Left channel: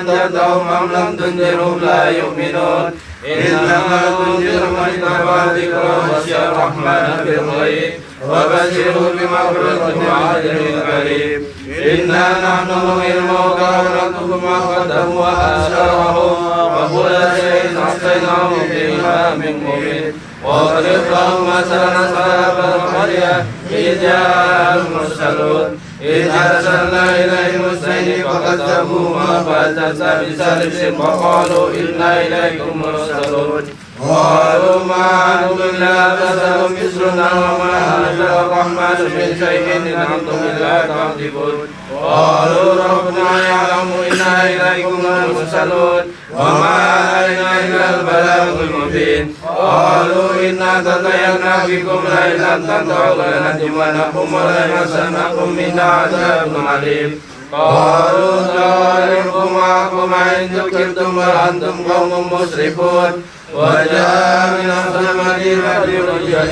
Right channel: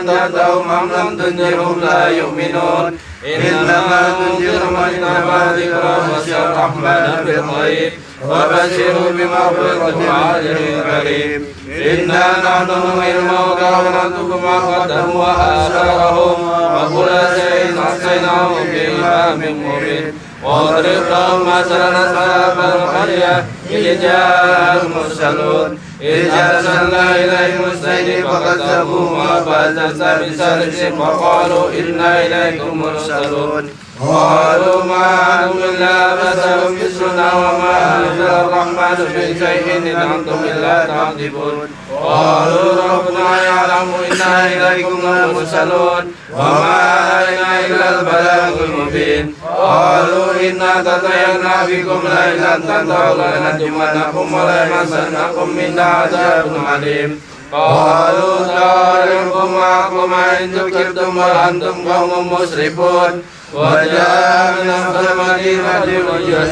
أنذرتهم أم لم تنذرهم لا يؤمنون إنما تنذر من اتبع الذكر وخشي الرحمن بالغيب وبشره بمغفرة وأجر كريم إنا نحن نحيي الموتى ونكتب ما قدموا وآثارهم وكل شيء أحصيناه في إمام مبين واضرب لهم مثلا أصحاب القرية إذ جاءهم المرسلون إذ أرسلنا إليهم اثنين فكذبوهما فأتتنا بسلس وقالوا إنا إليكم مرسلون قالوا ما أنتم إلا بشر مثلنا وما أنزل الرحمن من شيء إن أنتم إلا تكذبون قالوا ربنا يعلم إنا إليكم مرسلون وما علينا إلا البلاغ المبين قالوا إنا تطيرنا بكم لئن لم تنتهوا لنرجمنكم وليمسنكم منا عذاب أليم قالوا طائركم معكم إن ذكرتم وأنتم قوم مسرفون وجاء من أقصى المدينة رجل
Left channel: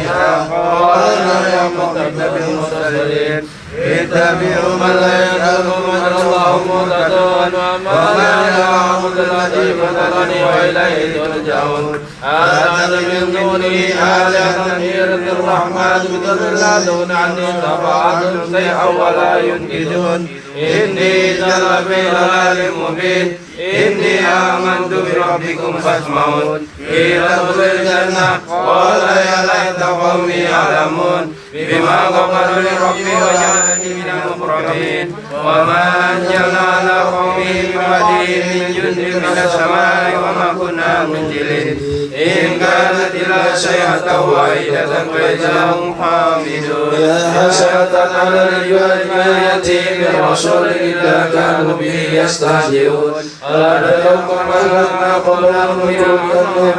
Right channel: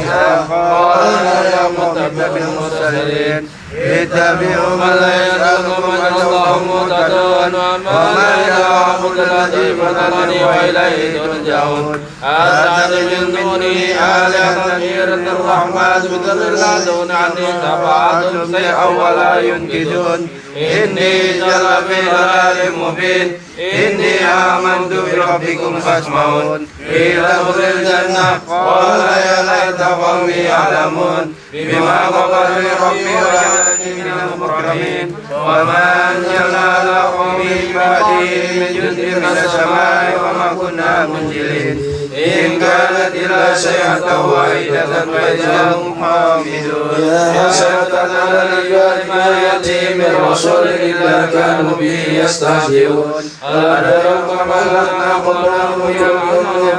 قال يا متقين المرسلين اتبعوا من لا يسألكم أجرا الله مهتدون وما لا أعبد الذي فطرني وإليه ترجعون أتخذ من دونه آلهة يرد الرحمن بضر لا تغن عني شفاعتهم شيئا ولا ينقذون إني جل في ضلال مبين إني آمنت بربكم فاسمعون قيل ادخل الجنة قال يا ليت قومي يعلمون بما غفر لي ربي وجعلني من المكرمين وما أنزلنا على قومه ببديل من جند من السماء وما كنا منزلين إن كانت إلا صيحة واحدة فإذا هم حامدون يا حسرة على العباد ما يأتيهم من رسول إلا كانوا به يستهزئون أولم أهلكنا قبلهم من القرون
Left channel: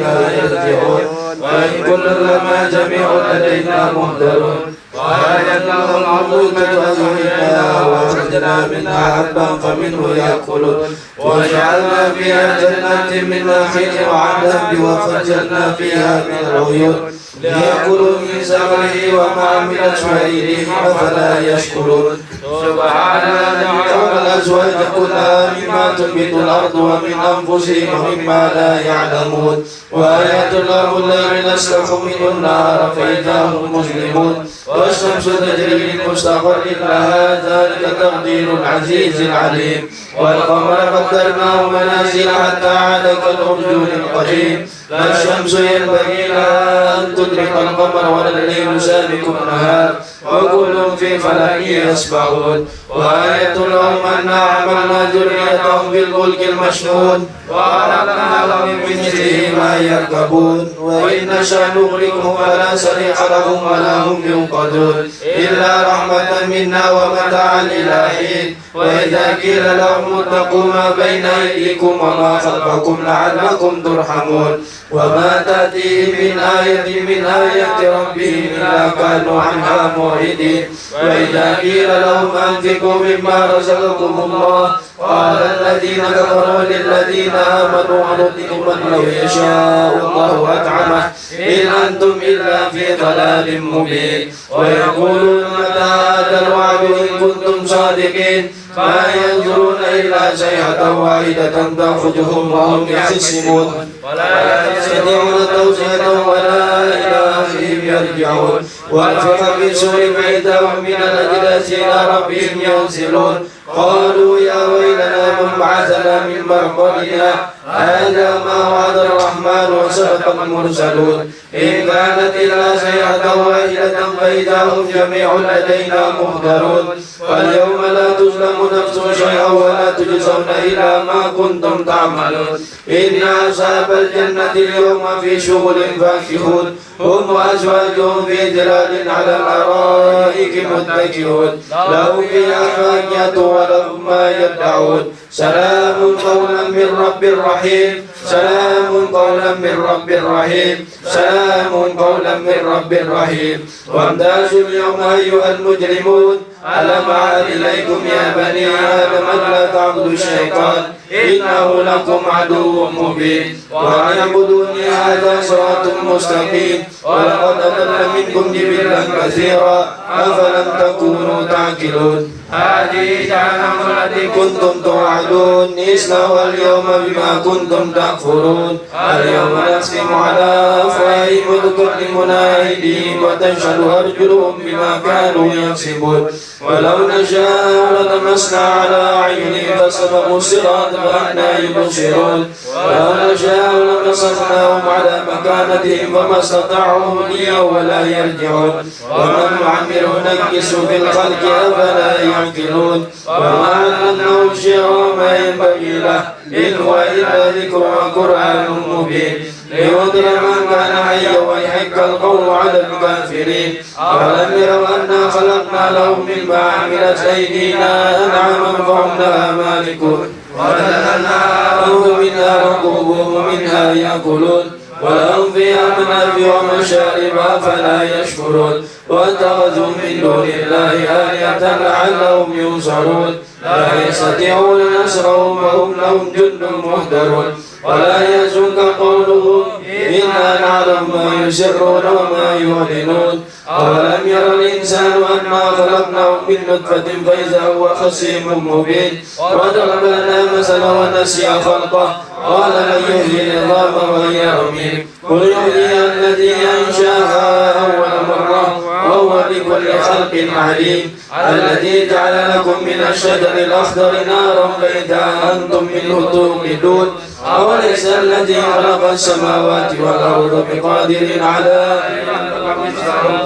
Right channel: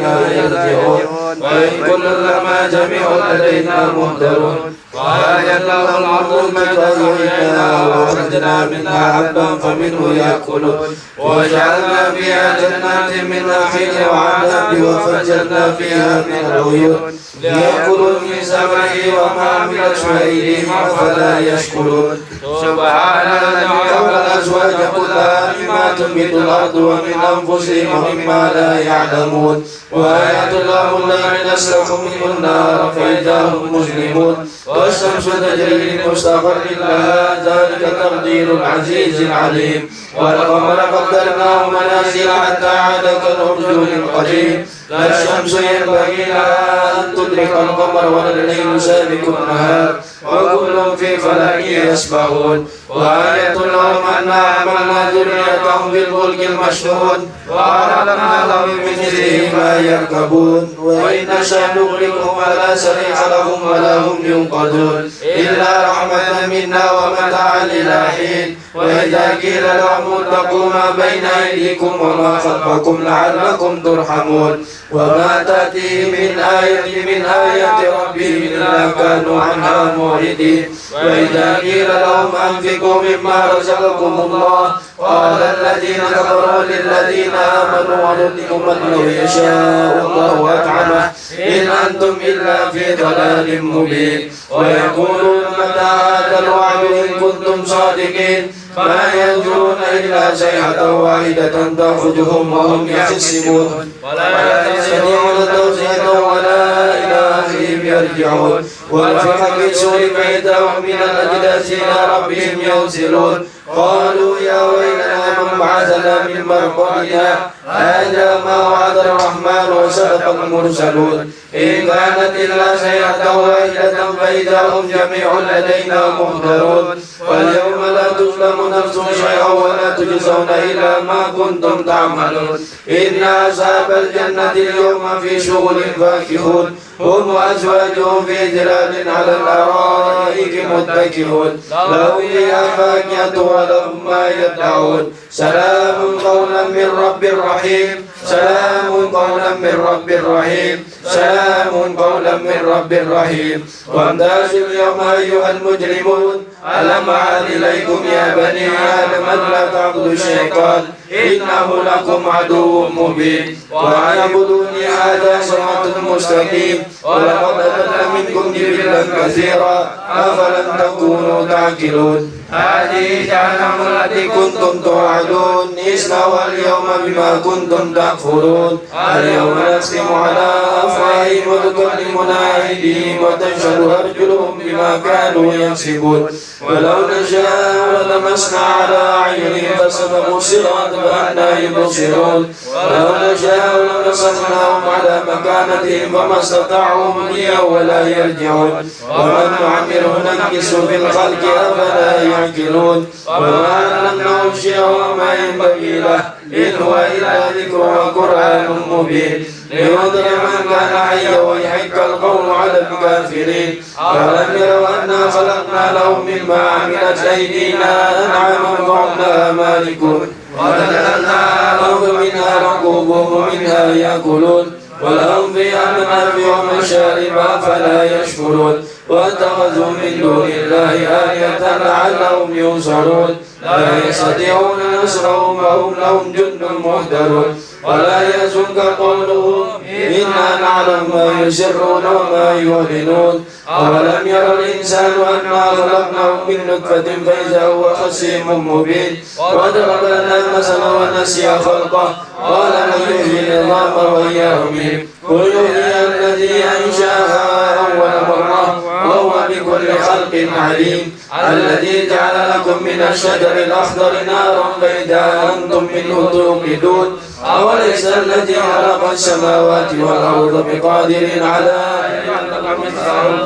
لا يرجعون وإن كل لما جميع لدينا مهتدون وآية لهم الأرض كتبنا وأخرجنا منها حبا فمنه يأكلون وجعلنا فيها جنات من نخيل وعنب وفجرنا فيها من العيون ليأكلوا من ثمره وطعمت أيديهم أفلا يشكرون سبحان الذي خلق الأزواج كلها مما تنبت الأرض ومن أنفسهم ومما لا يعلمون وآية لهم الليل نسلك منه النهار فإذا هم مظلمون والشمس تجري لمستقر لها ذلك تقدير العزيز العليم والقمر قدرناه منازل حتى عاد كالأرجون القديم لا الشمس ينبغي لها أن تدرك القمر ولا الليل سابق النهار وكل في فلك يسبحون وآية لهم أنا حملنا ذريتهم بالفلك المشحون وأغرقناهم من مثله ما يركبون وإن نشأ نغرقهم فلا صريخ لهم ولا هم ينقذون إلا رحمة منا ومتاعا إلى حين وإذا قيل لهم اتقوا ما بين أيديكم وما خلفكم لعلكم ترحمون وما تأتيهم من آية من آيات ربهم إلا كانوا عنها معرضين وإذا قيل لهم أنفقوا مما رزقكم الله قال الذين كفروا للذين آمنوا أنطعم من لو يشاء الله أطعمه إن أنتم إلا في ضلال مبين ويقولون متى هذا الوعد إن كنتم صادقين ما ينظرون إلا صيحة واحدة تأخذهم وهم يحسبون ولا يستطيعون توصية ولا إلى أهلهم يرجعون وانفق في سور فإذا هم من الأجداث إلى ربهم ينزلون قالوا يا ويلنا من بعثنا من مرقدنا هذا ما وعد الرحمن وصدق المرسلون إن كانت إلا صيحة واحدة فإذا هم جميع لدينا محضرون واليوم لا تظلم نفس شيئا ولا تجزون إلا ما كنتم تعملون إن أصحاب الجنة اليوم في شغل فاكهون هم وأزواجهم في ظلال على الأرائك متكئون لهم فيها فاكهة ولهم ما يدعون سلام قولا من رب رحيم سلام قولا من رب رحيم سلام قولا من رب رحيم وامتازوا اليوم أيها المجرمون ألم أعهد إليكم يا بني آدم ألا تعبدوا الشيطان إنه لكم عدو مبين وأن اعبدوني هذا صراط مستقيم ولقد أضل منكم جبلا كثيرا أفلم تكونوا تعقلون هذه جهنم التي كنتم توعدون اصلوها اليوم بما كنتم تكفرون اليوم نختم على أفواههم وتكلمنا أيديهم وتشهد أرجلهم بما كانوا يكسبون ولو نشاء لطمسنا على أعينهم فاستبقوا الصراط فأنى يبصرون ولو نشاء لمسخناهم على مكانتهم وما استطاعوا مضيا ولا يرجعون ومن نعمر ننكس في الخلق أفلا يعقلون وما علمناه الشعر وما ينبغي له إن هو إلا ذكر وقرآن مبين لينذر من كان حيا ويحق القول على الكافرين أولم يروا أنا خلقنا لهم مما عملت أيدينا أنعاما فهم لها مالكون وذللناهم منها ركوبهم ومنها يأكلون ولهم فيها منافع ومشارب أفلا يشكرون واتخذوا من دون الله آلهة لعلهم ينصرون لا يستطيعون نصرهم وهم لهم جند مهترون ولا يحزنك قولهم إنا نعلم ما يسرون وما يعلنون أولم ير الإنسان أنا خلقناه من نطفة فإذا هو خصيم مبين وضرب لنا مثلا ونسي خلقه قال من يحيي العظام وهي رميم قل يحيي الذي أنشأها أول مرة وهو بكل خلق عليم الذي جعل لكم من الشجر الأخضر نارا بيضاء أنتم منه توقدون أوليس الذي خلق السماوات والأرض بقادر على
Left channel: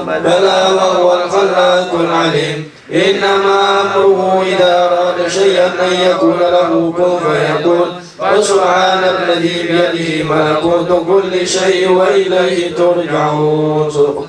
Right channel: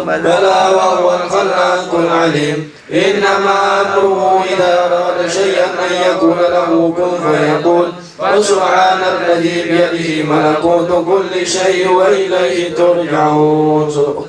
بلى وهو الخلاق العليم إنما أمره إذا أراد شيئا أن يقول له كن فيقول وسبحان الذي بيده ملكوت كل شيء وإليه ترجعون.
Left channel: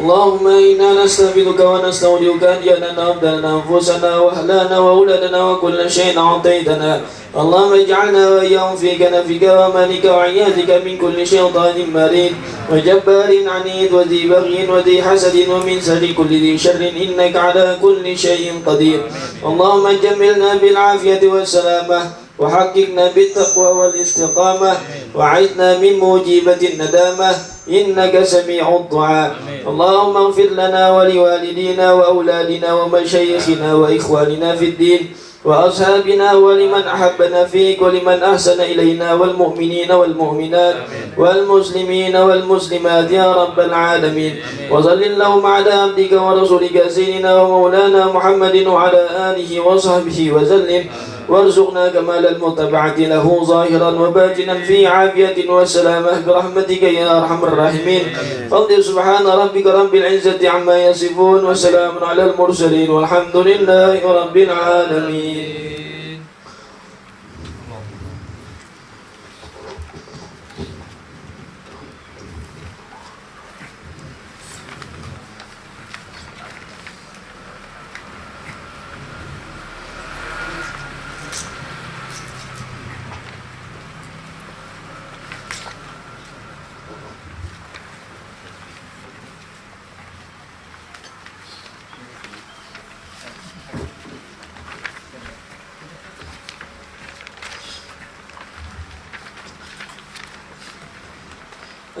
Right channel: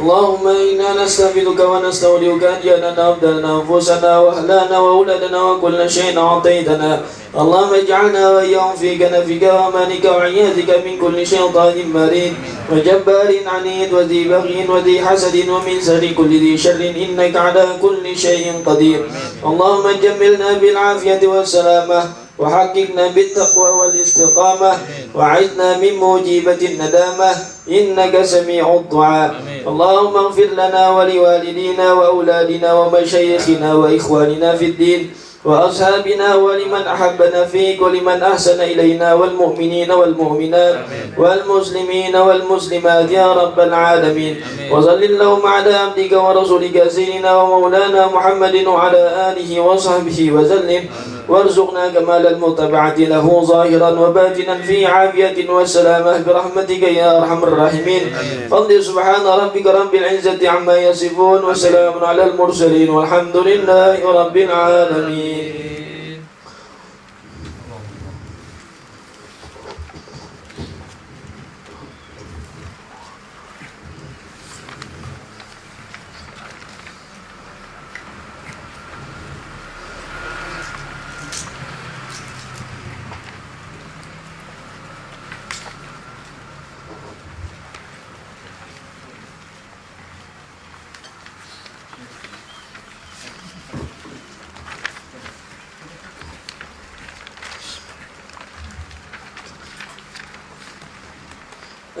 اللهم إنا نستغفرك ونستودعك أن جعلنا أبدلنا أنفسنا وأهلنا وأولادنا وكل شيء أعطيتنا اللهم اجعلنا وإياهم في كنفك وأمانك وعيادك من كل شيطان مريد وجبار عنيد وذي بغي وذي حسد ومن شر كل ذي شر إنك على كل شيء قدير. اللهم جملنا بالعافية والسلامة وحققنا بالتقوى والاستقامة وعدنا من موجبة الندامة إنك سميع الدعاء. اللهم اغفر لنا ولوالدينا وأولادنا ومشايخنا وإخواننا في الدين وأصحابنا ولمن أحبنا فيك ولمن أحسن إلينا والمؤمنين والمؤمنات والمسلمين والمسلمات يا رب العالمين. وصل اللهم على عبدك ورسولك سيدنا ومولانا محمد وعلى آله وصحبه وسلم وارزقنا كمال المتابعة له ظاهرا وباطنا في عافية وسلامة برحمتك يا أرحم الراحمين. فاصبر سبحان ربك رب العزة عما يصفون وسلام على المرسلين والحمد لله رب العالمين.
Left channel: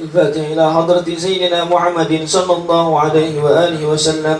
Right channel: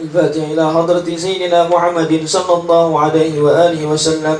الفاتحة إلى حضرة سيدنا محمد صلى الله عليه وآله وسلم.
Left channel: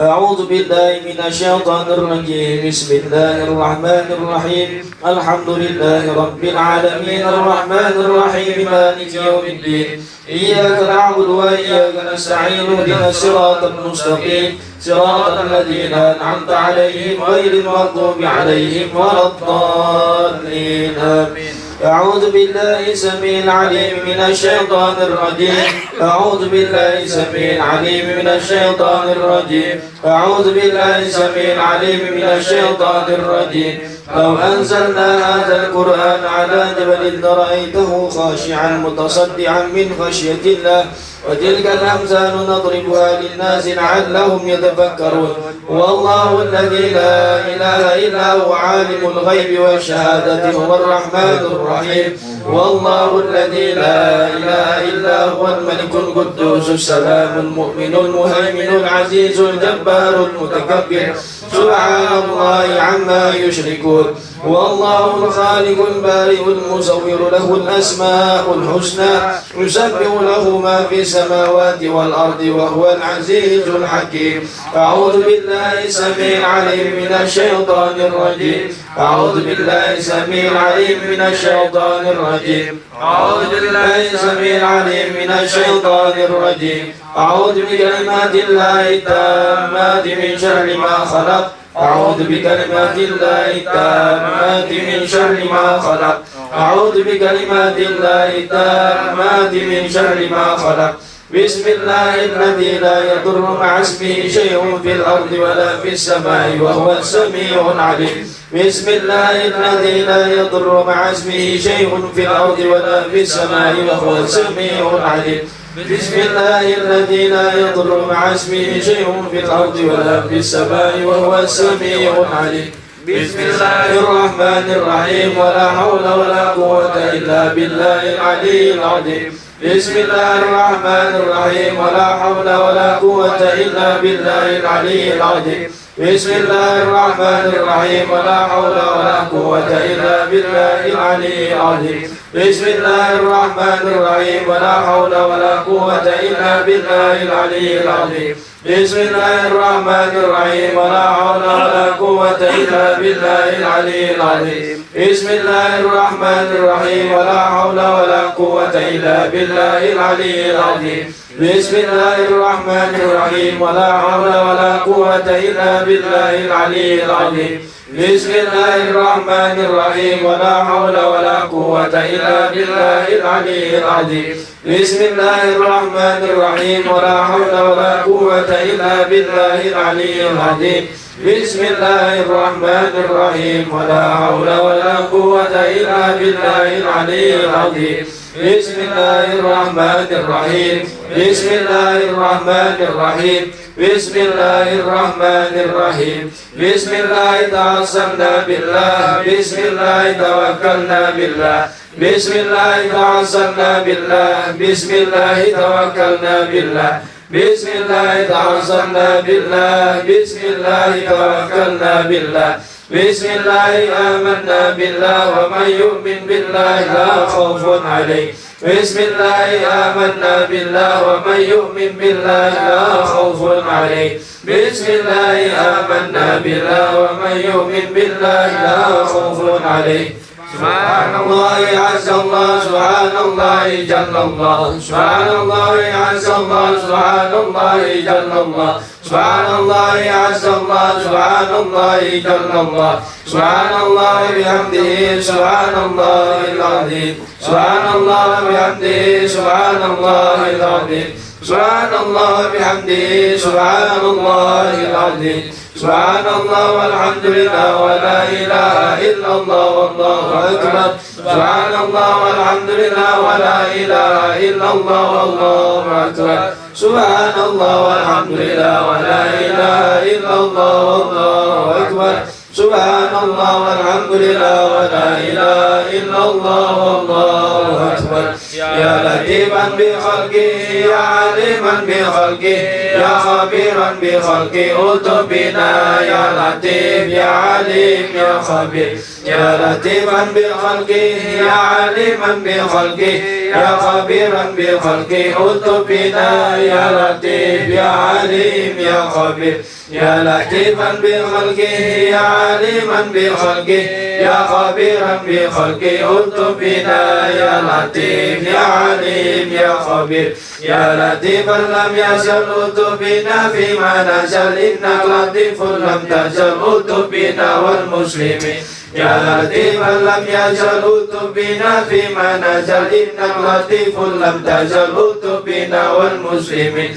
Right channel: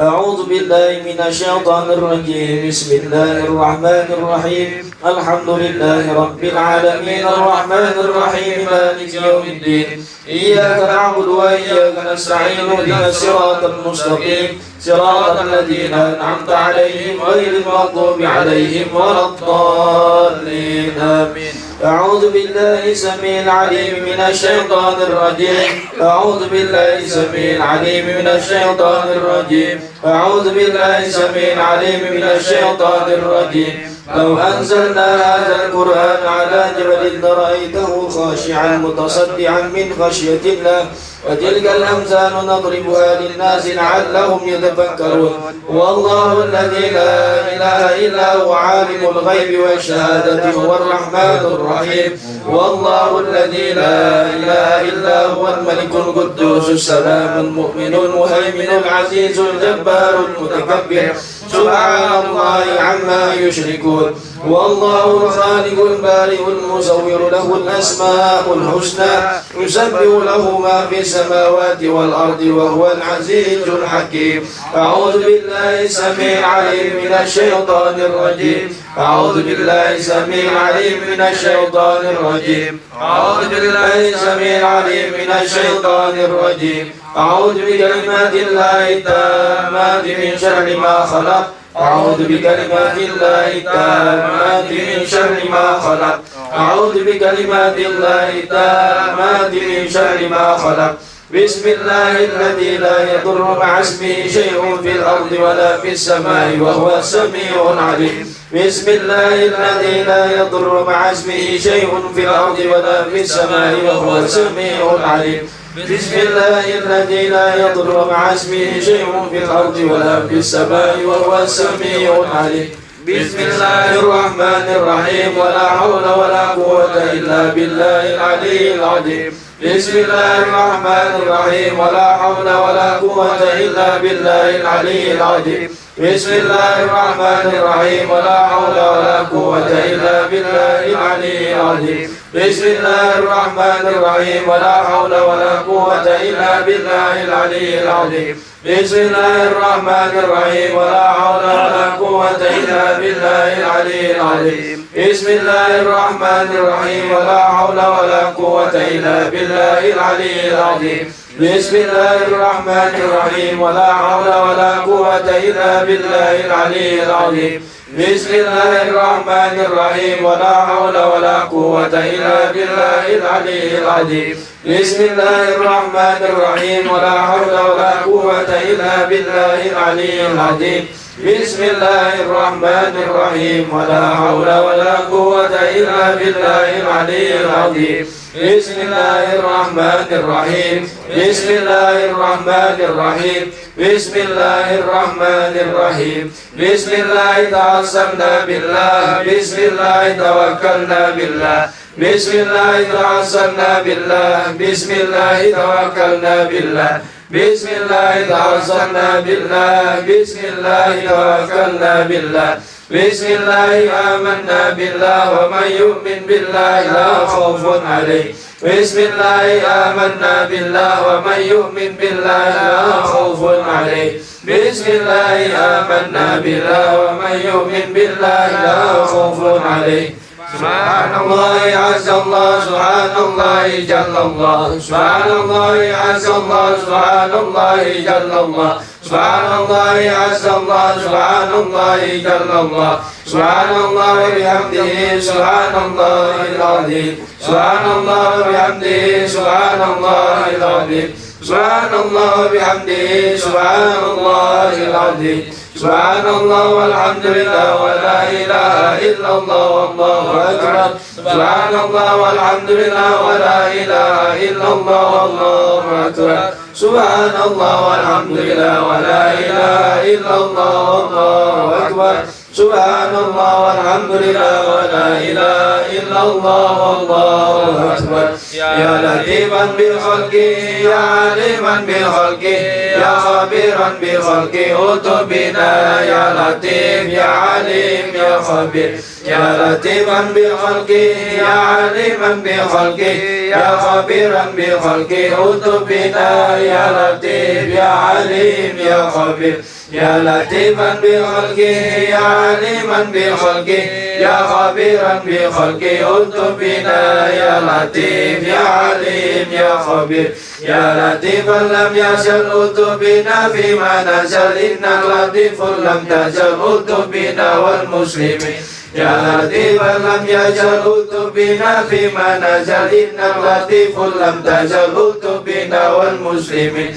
أعوذ بالله من الشيطان الرجيم. بسم الله الرحمن الرحيم. الحمد لله رب العالمين الرحمن الرحيم مالك يوم الدين إياك نعبد وإياك نستعين اهدنا الصراط المستقيم صراط الذين أنعمت عليهم غير المغضوب عليهم ولا الضالين آمين. أعوذ بالله السميع العليم من الشيطان الرجيم. أعوذ بالله السميع العليم من الشيطان الرجيم. أعوذ بالله السميع العليم من الشيطان الرجيم. لو أنزلنا هذا القرآن على جبل لرأيته خاشعا متصدعا من خشية الله وتلك الأمثال نضربها للناس لعلهم يتفكرون والله الذي لا إله إلا هو عالم الغيب والشهادة هو الرحمن الرحيم والله الذي لا إله إلا هو الملك القدوس السلام المؤمن المهيمن العزيز الجبار المتكبر سبحان الله عما يشركون والله الخالق البارئ المصور له الأسماء الحسنى يسبح له ما في السماوات والأرض وهو العزيز الحكيم أعوذ بالله السميع العليم من الشيطان الرجيم أعوذ بالله السميع العليم من الشيطان الرجيم أعوذ بالله السميع العليم من الشيطان الرجيم أعوذ بكلمات الله التامات من شر ما خلق أعوذ بكلمات الله التامات من شر ما خلق أعوذ بكلمات الله التامات من شر ما خلق بسم الله الذي لا يضر مع اسمه شيء في الأرض ولا في السماء وهو السميع العليم بسم الله الذي لا يضر مع اسمه شيء في الأرض ولا في السماء وهو السميع العليم بسم الله الذي لا يضر مع اسمه شيء في الأرض ولا في السماء وهو السميع العليم بسم الله الرحمن الرحيم ولا حول ولا قوة إلا بالله العلي العظيم بسم الله الرحمن الرحيم ولا حول ولا قوة إلا بالله العلي العظيم بسم الله الرحمن الرحيم ولا حول ولا قوة إلا بالله العلي العظيم بسم الله الرحمن الرحيم ولا حول ولا قوة إلا بالله العلي العظيم بسم الله الرحمن الرحيم ولا حول ولا قوة إلا بالله العلي العظيم بسم الله الرحمن الرحيم ولا حول ولا قوة إلا بالله العلي العظيم بسم الله الرحمن الرحيم ولا حول ولا قوة إلا بالله العلي العظيم بسم الله الرحمن الرحيم ولا حول ولا قوة إلا بالله العلي العظيم بسم الله الرحمن الرحيم ولا حول ولا قوة إلا بالله العلي العظيم بسم الله الرحمن الرحيم ولا حول ولا قوة إلا بالله العلي العظيم بسم الله الرحمن الرحيم بسم الله الرحمن الرحيم بسم الله الرحمن الرحيم بسم الله تعصمنا بالله بسم الله توكلنا بالله بسم الله تعصمنا بالله بسم الله توكلنا بالله بسم الله تعصمنا بالله بسم الله توكلنا بالله بسم الله آمنا بالله ومن يؤمن بالله لا خوف عليه بسم الله آمنا بالله ومن يؤمن بالله لا خوف عليه بسم الله آمنا بالله ومن يؤمن بالله لا خوف عليه سبحان الله عز الله سبحان الله جل الله سبحان الله عز الله سبحان الله جل الله سبحان الله عز الله سبحان الله جل الله سبحان الله بحمده سبحان الله العظيم سبحان الله بحمده سبحان الله العظيم سبحان الله بحمده سبحان الله العظيم سبحان الله والحمد لله ولا إله إلا الله والله أكبر سبحان الله والحمد لله ولا إله إلا الله والله أكبر سبحان الله والحمد لله ولا إله إلا الله والله أكبر سبحان الله والحمد لله ولا إله إلا الله والله أكبر يا لطيفا بخلقه يا عليما بخلقه يا خبيرا بخلقه أتبنا يا لطيف يا عليم يا خبير يا لطيفا بخلقه يا عليما بخلقه يا خبيرا بخلقه أتبنا يا لطيف يا عليم يا خبير يا لطيفا بخلقه يا عليما بخلقه يا خبيرا بخلقه أتبنا يا لطيف يا عليم يا خبير يا لطيفا لم يزل أتبنا فيما نزل إنك لطيف لم تزل أتبنا والمسلمين يا لطيفا لم يزل أتبنا فيما نزل إنك لطيف لم تزل أتبنا والمسلمين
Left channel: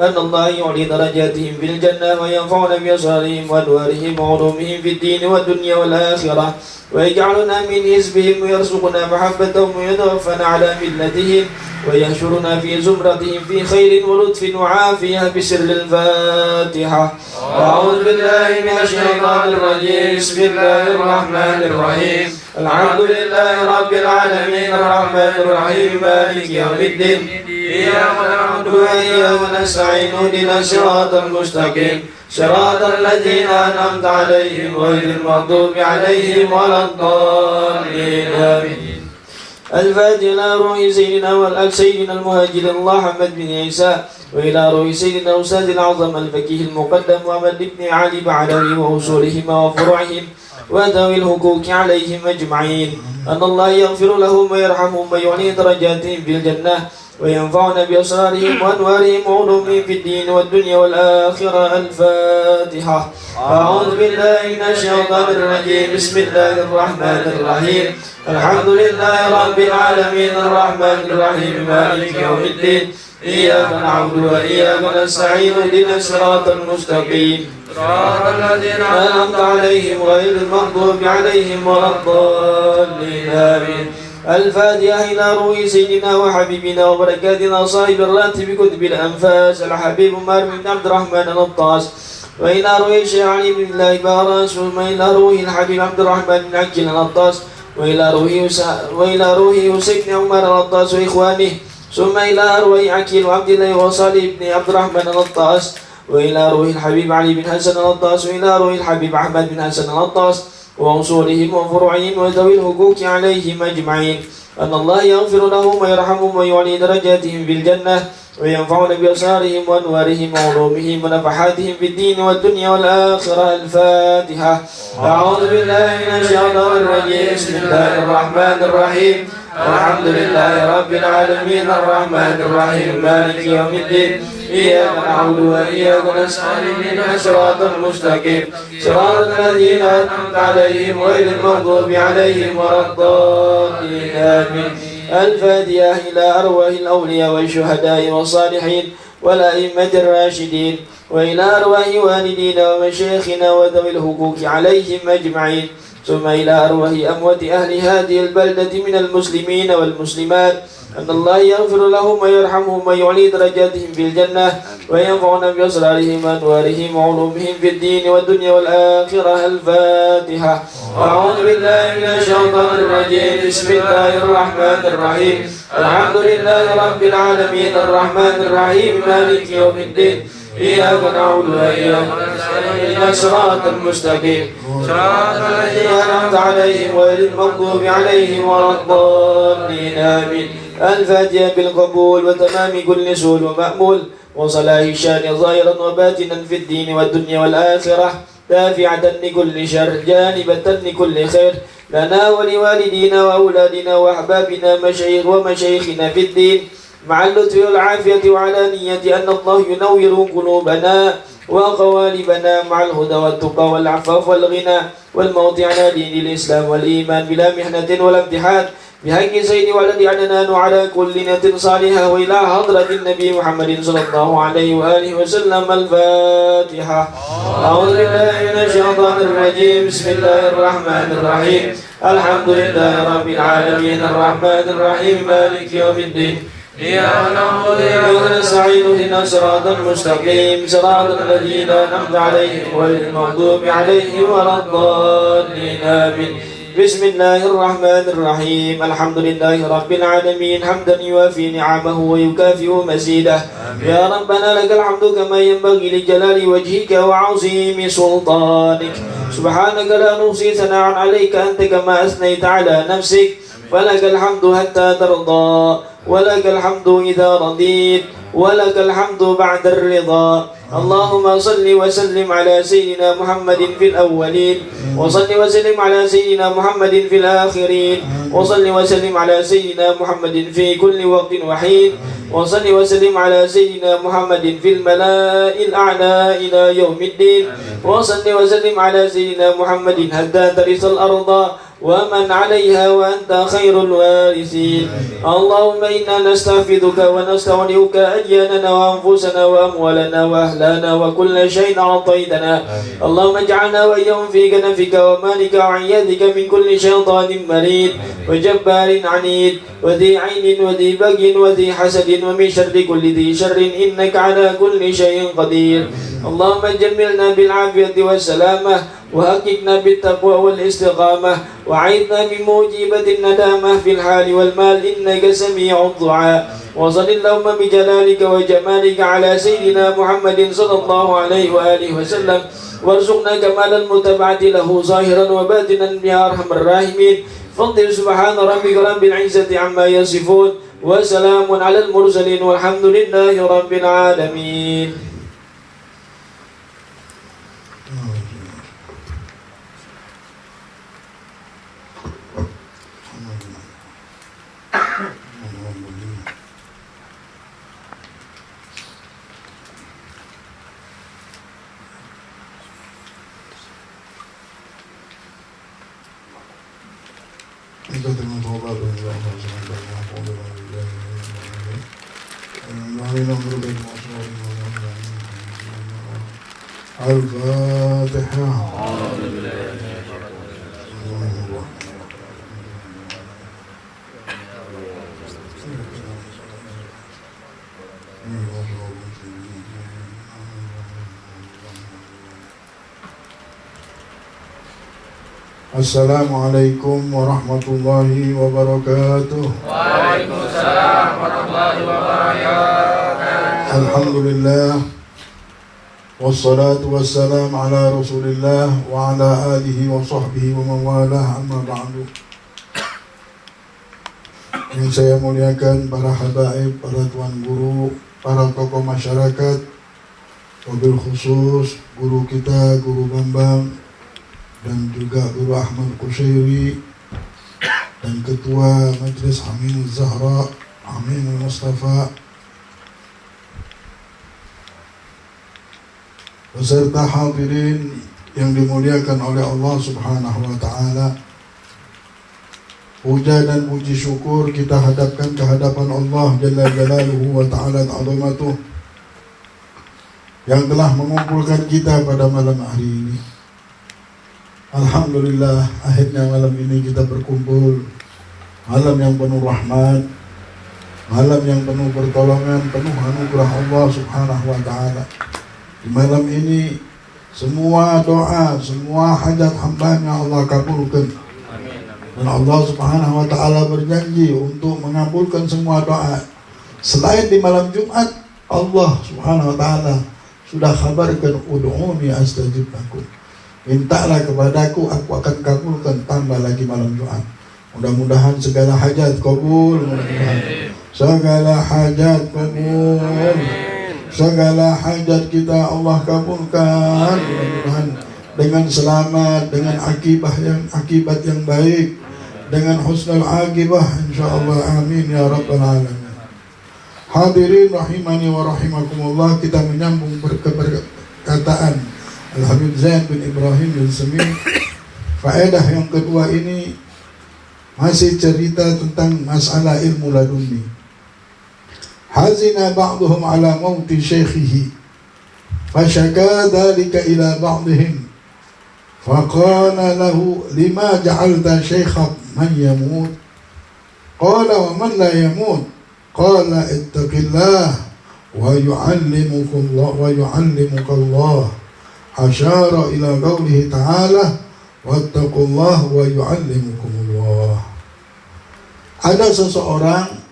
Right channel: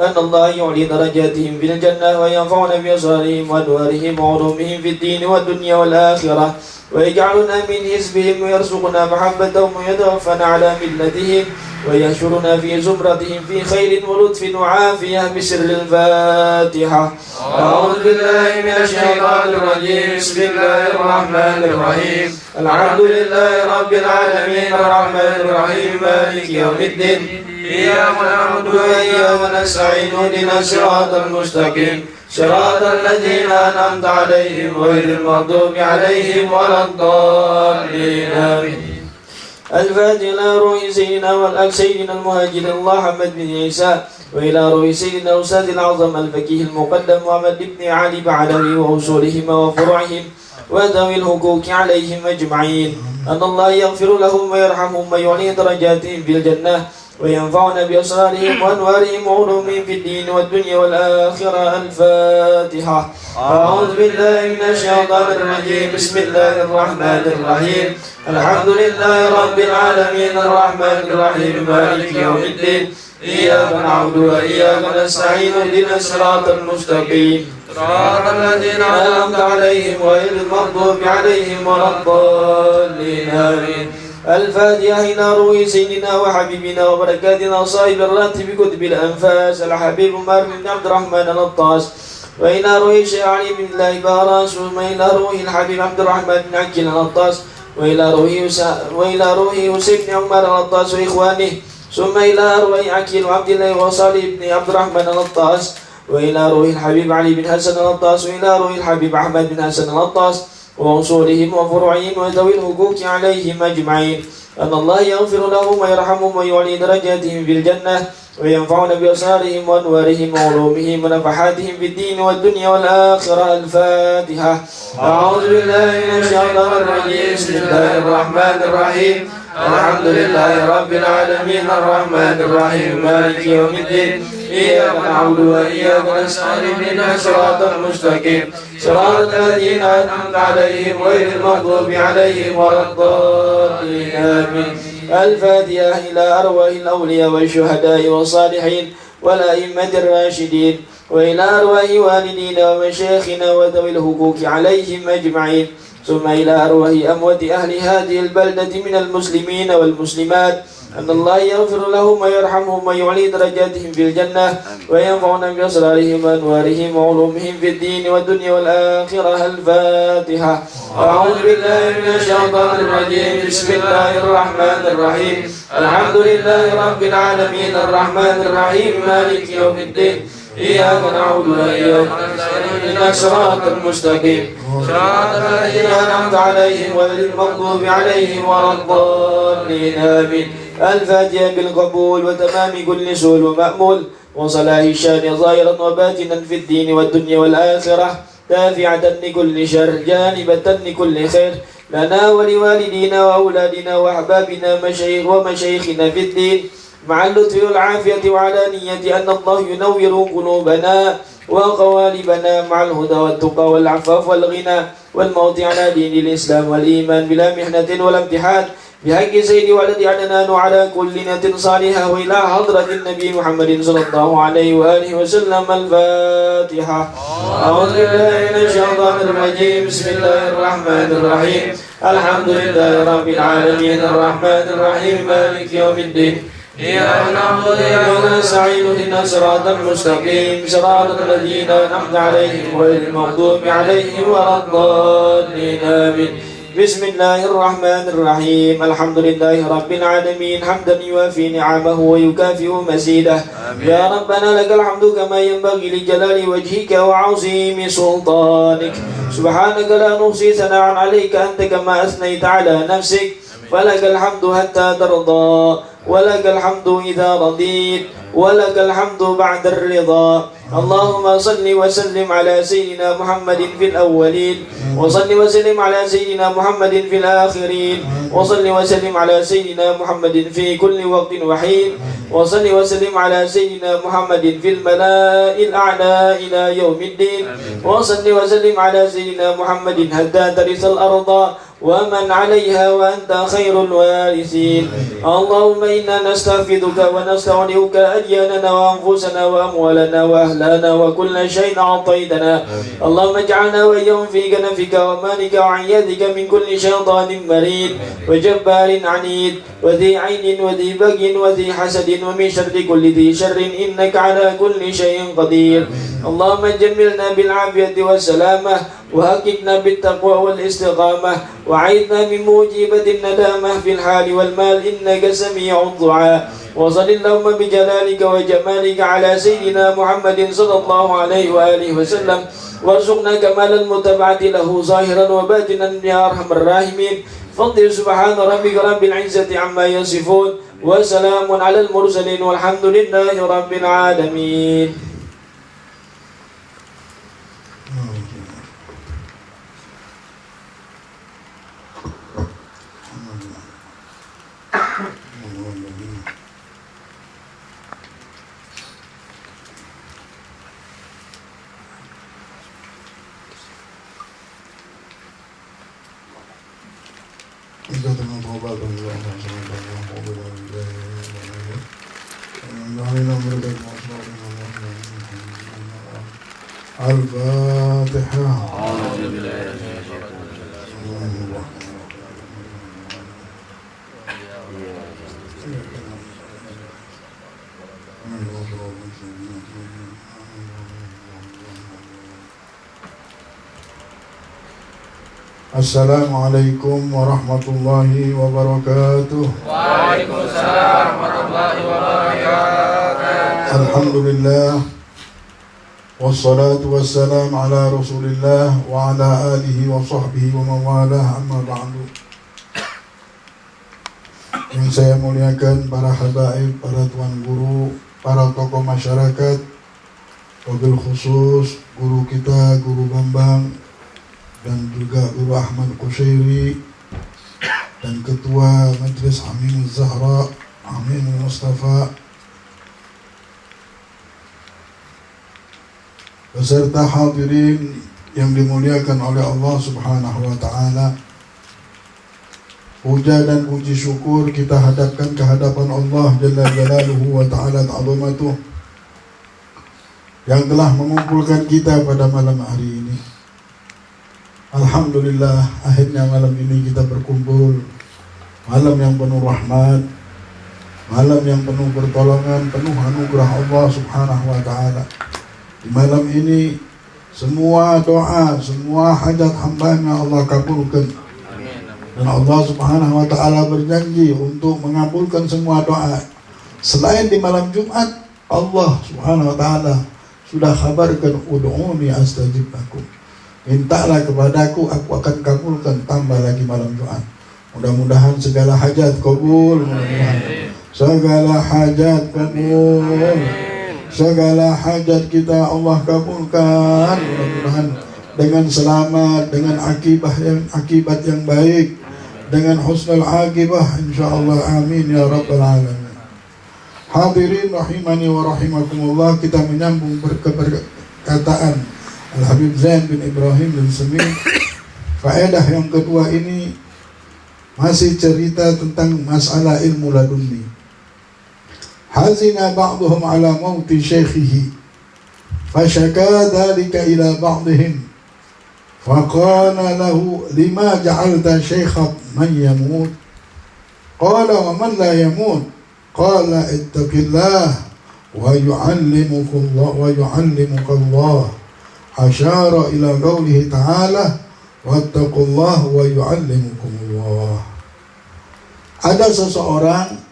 أن الله يعلي درجاتهم في الجنة وينفعنا بأسرارهم وأنوارهم وعلومهم في الدين والدنيا والآخرة ويجعلنا من حزبهم ويرزقنا محبتهم ويتوفنا على ملتهم ويحشرنا في زمرتهم في خير ولطف وعافية بسر الفاتحة. أعوذ بالله من الشيطان الرجيم. بسم الله الرحمن الرحيم. الحمد لله رب العالمين الرحمن الرحيم مالك يوم الدين إياك نعبد وإياك نستعين اهدنا الصراط المستقيم صراط الذين أنعمت عليهم غير المغضوب عليهم ولا الضالين آمين. الفاتحة إلى روح سيدنا والأب سيدنا المهاجر الله محمد بن عيسى وإلى روح سيدنا أستاذ الأعظم الفقيه المقدم محمد بن علي بعلوي وأصولهم وفروعهم وذوي الحقوق عليهم أجمعين أن الله يغفر لهم ويرحمهم ويعلي درجاتهم في الجنة وينفعنا بأسرارهم وأنوارهم وعلومهم في الدين والدنيا والآخرة. الفاتحة. أعوذ بالله من الشيطان الرجيم. بسم الله الرحمن الرحيم. الحمد لله رب العالمين الرحمن الرحيم مالك يوم الدين إياك نعبد وإياك نستعين اهدنا الصراط المستقيم صراط الذين أنعمت عليهم غير المغضوب عليهم ولا الضالين آمين. الفاتحة إلى روح سيدنا وحبيبنا وبركاتنا صاحب الراتب كتب الأنفاس الحبيب عمر بن عبد الرحمن الطاس وإلى روح الشيخ علي بن الله باراس ثم إلى روح الحبيب عبد الرحمن بن عكين الطاس وإلى روح يوسف بن عمر الطاس وإخوانه ثم إلى أروح عكين وعبد الله وصالح بن عبد الرحمن الطاس وإلى روح الحبيب علي بن حسن الطاس وإلى روح الحبيب أحمد بن حسن الطاس وأصولهم وفروعهم وذوي الحقوق عليهم أجمعين أن الله يغفر لهم ويرحمهم ويعلي درجاتهم في الجنة وينفعنا بأسرارهم وأنوارهم وعلومهم ونفحاتهم في الدين والدنيا والآخرة. الفاتحة. أعوذ بالله من الشيطان الرجيم. بسم الله الرحمن الرحيم. الحمد لله رب العالمين الرحمن الرحيم مالك يوم الدين إياك نعبد وإياك نستعين اهدنا الصراط المستقيم صراط الذين أنعمت عليهم غير المغضوب عليهم ولا الضالين آمين. الفاتحة إلى أرواح الأولياء والشهداء والصالحين والأئمة الراشدين وإلى أرواح والدينا ومشايخنا وذوي الحقوق عليهم أجمعين ثم إلى أرواح أموات أهل هذه البلدة من المسلمين والمسلمات أن الله يغفر لهم ويرحمهم ويعلي درجاتهم في الجنة وينفعنا بأسرارهم وأنوارهم وعلومهم في الدين والدنيا والآخرة. الفاتحة. أعوذ بالله من الشيطان الرجيم. بسم الله الرحمن الرحيم. الحمد لله رب العالمين الرحمن الرحيم مالك يوم الدين إياك نعبد وإياك نستعين اهدنا الصراط المستقيم صراط الذين أنعمت عليهم غير المغضوب عليهم ولا الضالين آمين. الفاتحة بالقبول وتمام كل سؤال ومأمول وصلاح الشان ظاهرا وباطنا في الدين والدنيا والآخرة دافعة لكل شر جانبة لكل خير لنا ولوالدينا وأولادنا وأحبابنا ومشايخنا في الدين مع اللطف والعافية وعلى نية أن الله ينور قلوبنا وقوالبنا مع الهدى والتقى والعفاف والغنى والموت على دين الإسلام والإيمان بلا محنة ولا امتحان بحق سيد ولد عدنان وعلى كل نية صالحة وإلى حضرة النبي محمد صلى الله عليه وآله وسلم. الفاتحة. أعوذ بالله من الشيطان الرجيم. بسم الله الرحمن الرحيم. الحمد لله رب العالمين الرحمن الرحيم مالك يوم الدين إياك نعبد وإياك نستعين اهدنا الصراط المستقيم صراط الذين أنعمت عليهم غير المغضوب عليهم ولا الضالين آمين. بسم الله الرحمن الرحيم. الحمد لله رب العالمين حمدا يوافي نعمه ويكافئ مزيده. يا ربنا لك الحمد كما ينبغي لجلال وجهك وعظيم سلطانك سبحانك لا نحصي ثناء عليك أنت كما أثنيت على نفسك فلك الحمد حتى ترضى ولك الحمد إذا رضيت ولك الحمد بعد الرضا. اللهم صل وسلم على سيدنا محمد في الأولين وصل وسلم على سيدنا محمد في الآخرين وصل وسلم على سيدنا محمد في كل وقت وحين وصل وسلم على سيدنا محمد في الملاء الأعلى إلى يوم الدين وصل وسلم على سيدنا محمد حتى ترث الأرض ومن عليها وأنت خير الوارثين. اللهم إنا نستغفرك ونستودعك أدياننا وأنفسنا وأموالنا وأهلنا وكل شيء أعطيتنا. اللهم اجعلنا وإياهم في كنفك ومالك وعيادك من كل شيطان مريد وجبار عنيد وذي عين وذي بغي وذي حسد ومن شر كل ذي شر إنك على كل شيء قدير. اللهم جملنا بالعافية والسلامة وحققنا بالتقوى والاستقامة وعيذنا من موجبة الندامة في الحال والمال إنك سميع الدعاء. وصل اللهم بجلالك وجمالك على سيدنا محمد صلى الله عليه وآله وسلم وارزقنا كمال المتبعة له ظاهرا وباطنا يا أرحم الراحمين. فاقدر سبحان ربك رب العزة عما يصفون وسلام على المرسلين والحمد لله رب العالمين. الفاتحة. Assalamualaikum warahmatullahi wabarakatuh. Waalaikumsalam warahmatullahi wabarakatuh. Alhamdulillah wassalatu wassalam ala rasulillah wa ala alihi wa sahbihi wa mawalah, amma ba'du. Yang saya muliakan para habaib, para tuan guru, para tokoh masyarakat, wabil khusus guru kita, Guru Bambang, dan juga Guru Ahmad Qushairi, dan Ketua Majlis Amin Zahra, Amin Mustafa, beserta hadirin yang dimuliakan oleh Allah Subhanahu wa Ta'ala. Puja dan puji syukur kita hadapkan ke hadapan Allah Jalla Jalaluhu wa Ta'ala Ta'zamatuh yang telah mengumpulkan kita pada malam hari ini. Alhamdulillah, akhirnya malam ini kita berkumpul. Malam yang penuh rahmat, malam yang penuh pertolongan, penuh anugerah Allah Subhanahu wa Ta'ala. Di malam ini semua doa, semua hajat hamba-Nya Allah kabulkan. Dan Allah Subhanahu wa Ta'ala berjanji untuk mengabulkan semua doa. Selain di malam Jumat, Allah Subhanahu wa Ta'ala sudah kabarkan, ud'uni astajib lakum. Mintalah kepadaku, aku akan kabulkan, tambah lagi malam Jumat. Mudah-mudahan segala hajat kabul, mudah-mudahan segala hajat kabul, segala hajat kita Allah kabulkan, mudah-mudahan dengan selamat, dengan akibat yang baik, dengan husnul akibah insyaallah, amin ya rabbal alamin. Hadirin rahimani wa rahimakumullah, kita menyambung perkataan Al-Habib Zain bin Ibrahim bin Semih. Faedah yang kedua ini masih cerita tentang masalah ilmu laduni. Hazina ba'duhum ala mauti syekhihi fashaka dhalika ila ba'dihim faqala lahu lima ja'alta syekhak man yamut qala wa man la yamut qala ittaqillah wa yu'allimuka Allah. Asyara ila qawlihi ta'ala wattaqullah wa yu'allimukumullah. Ada seseorang,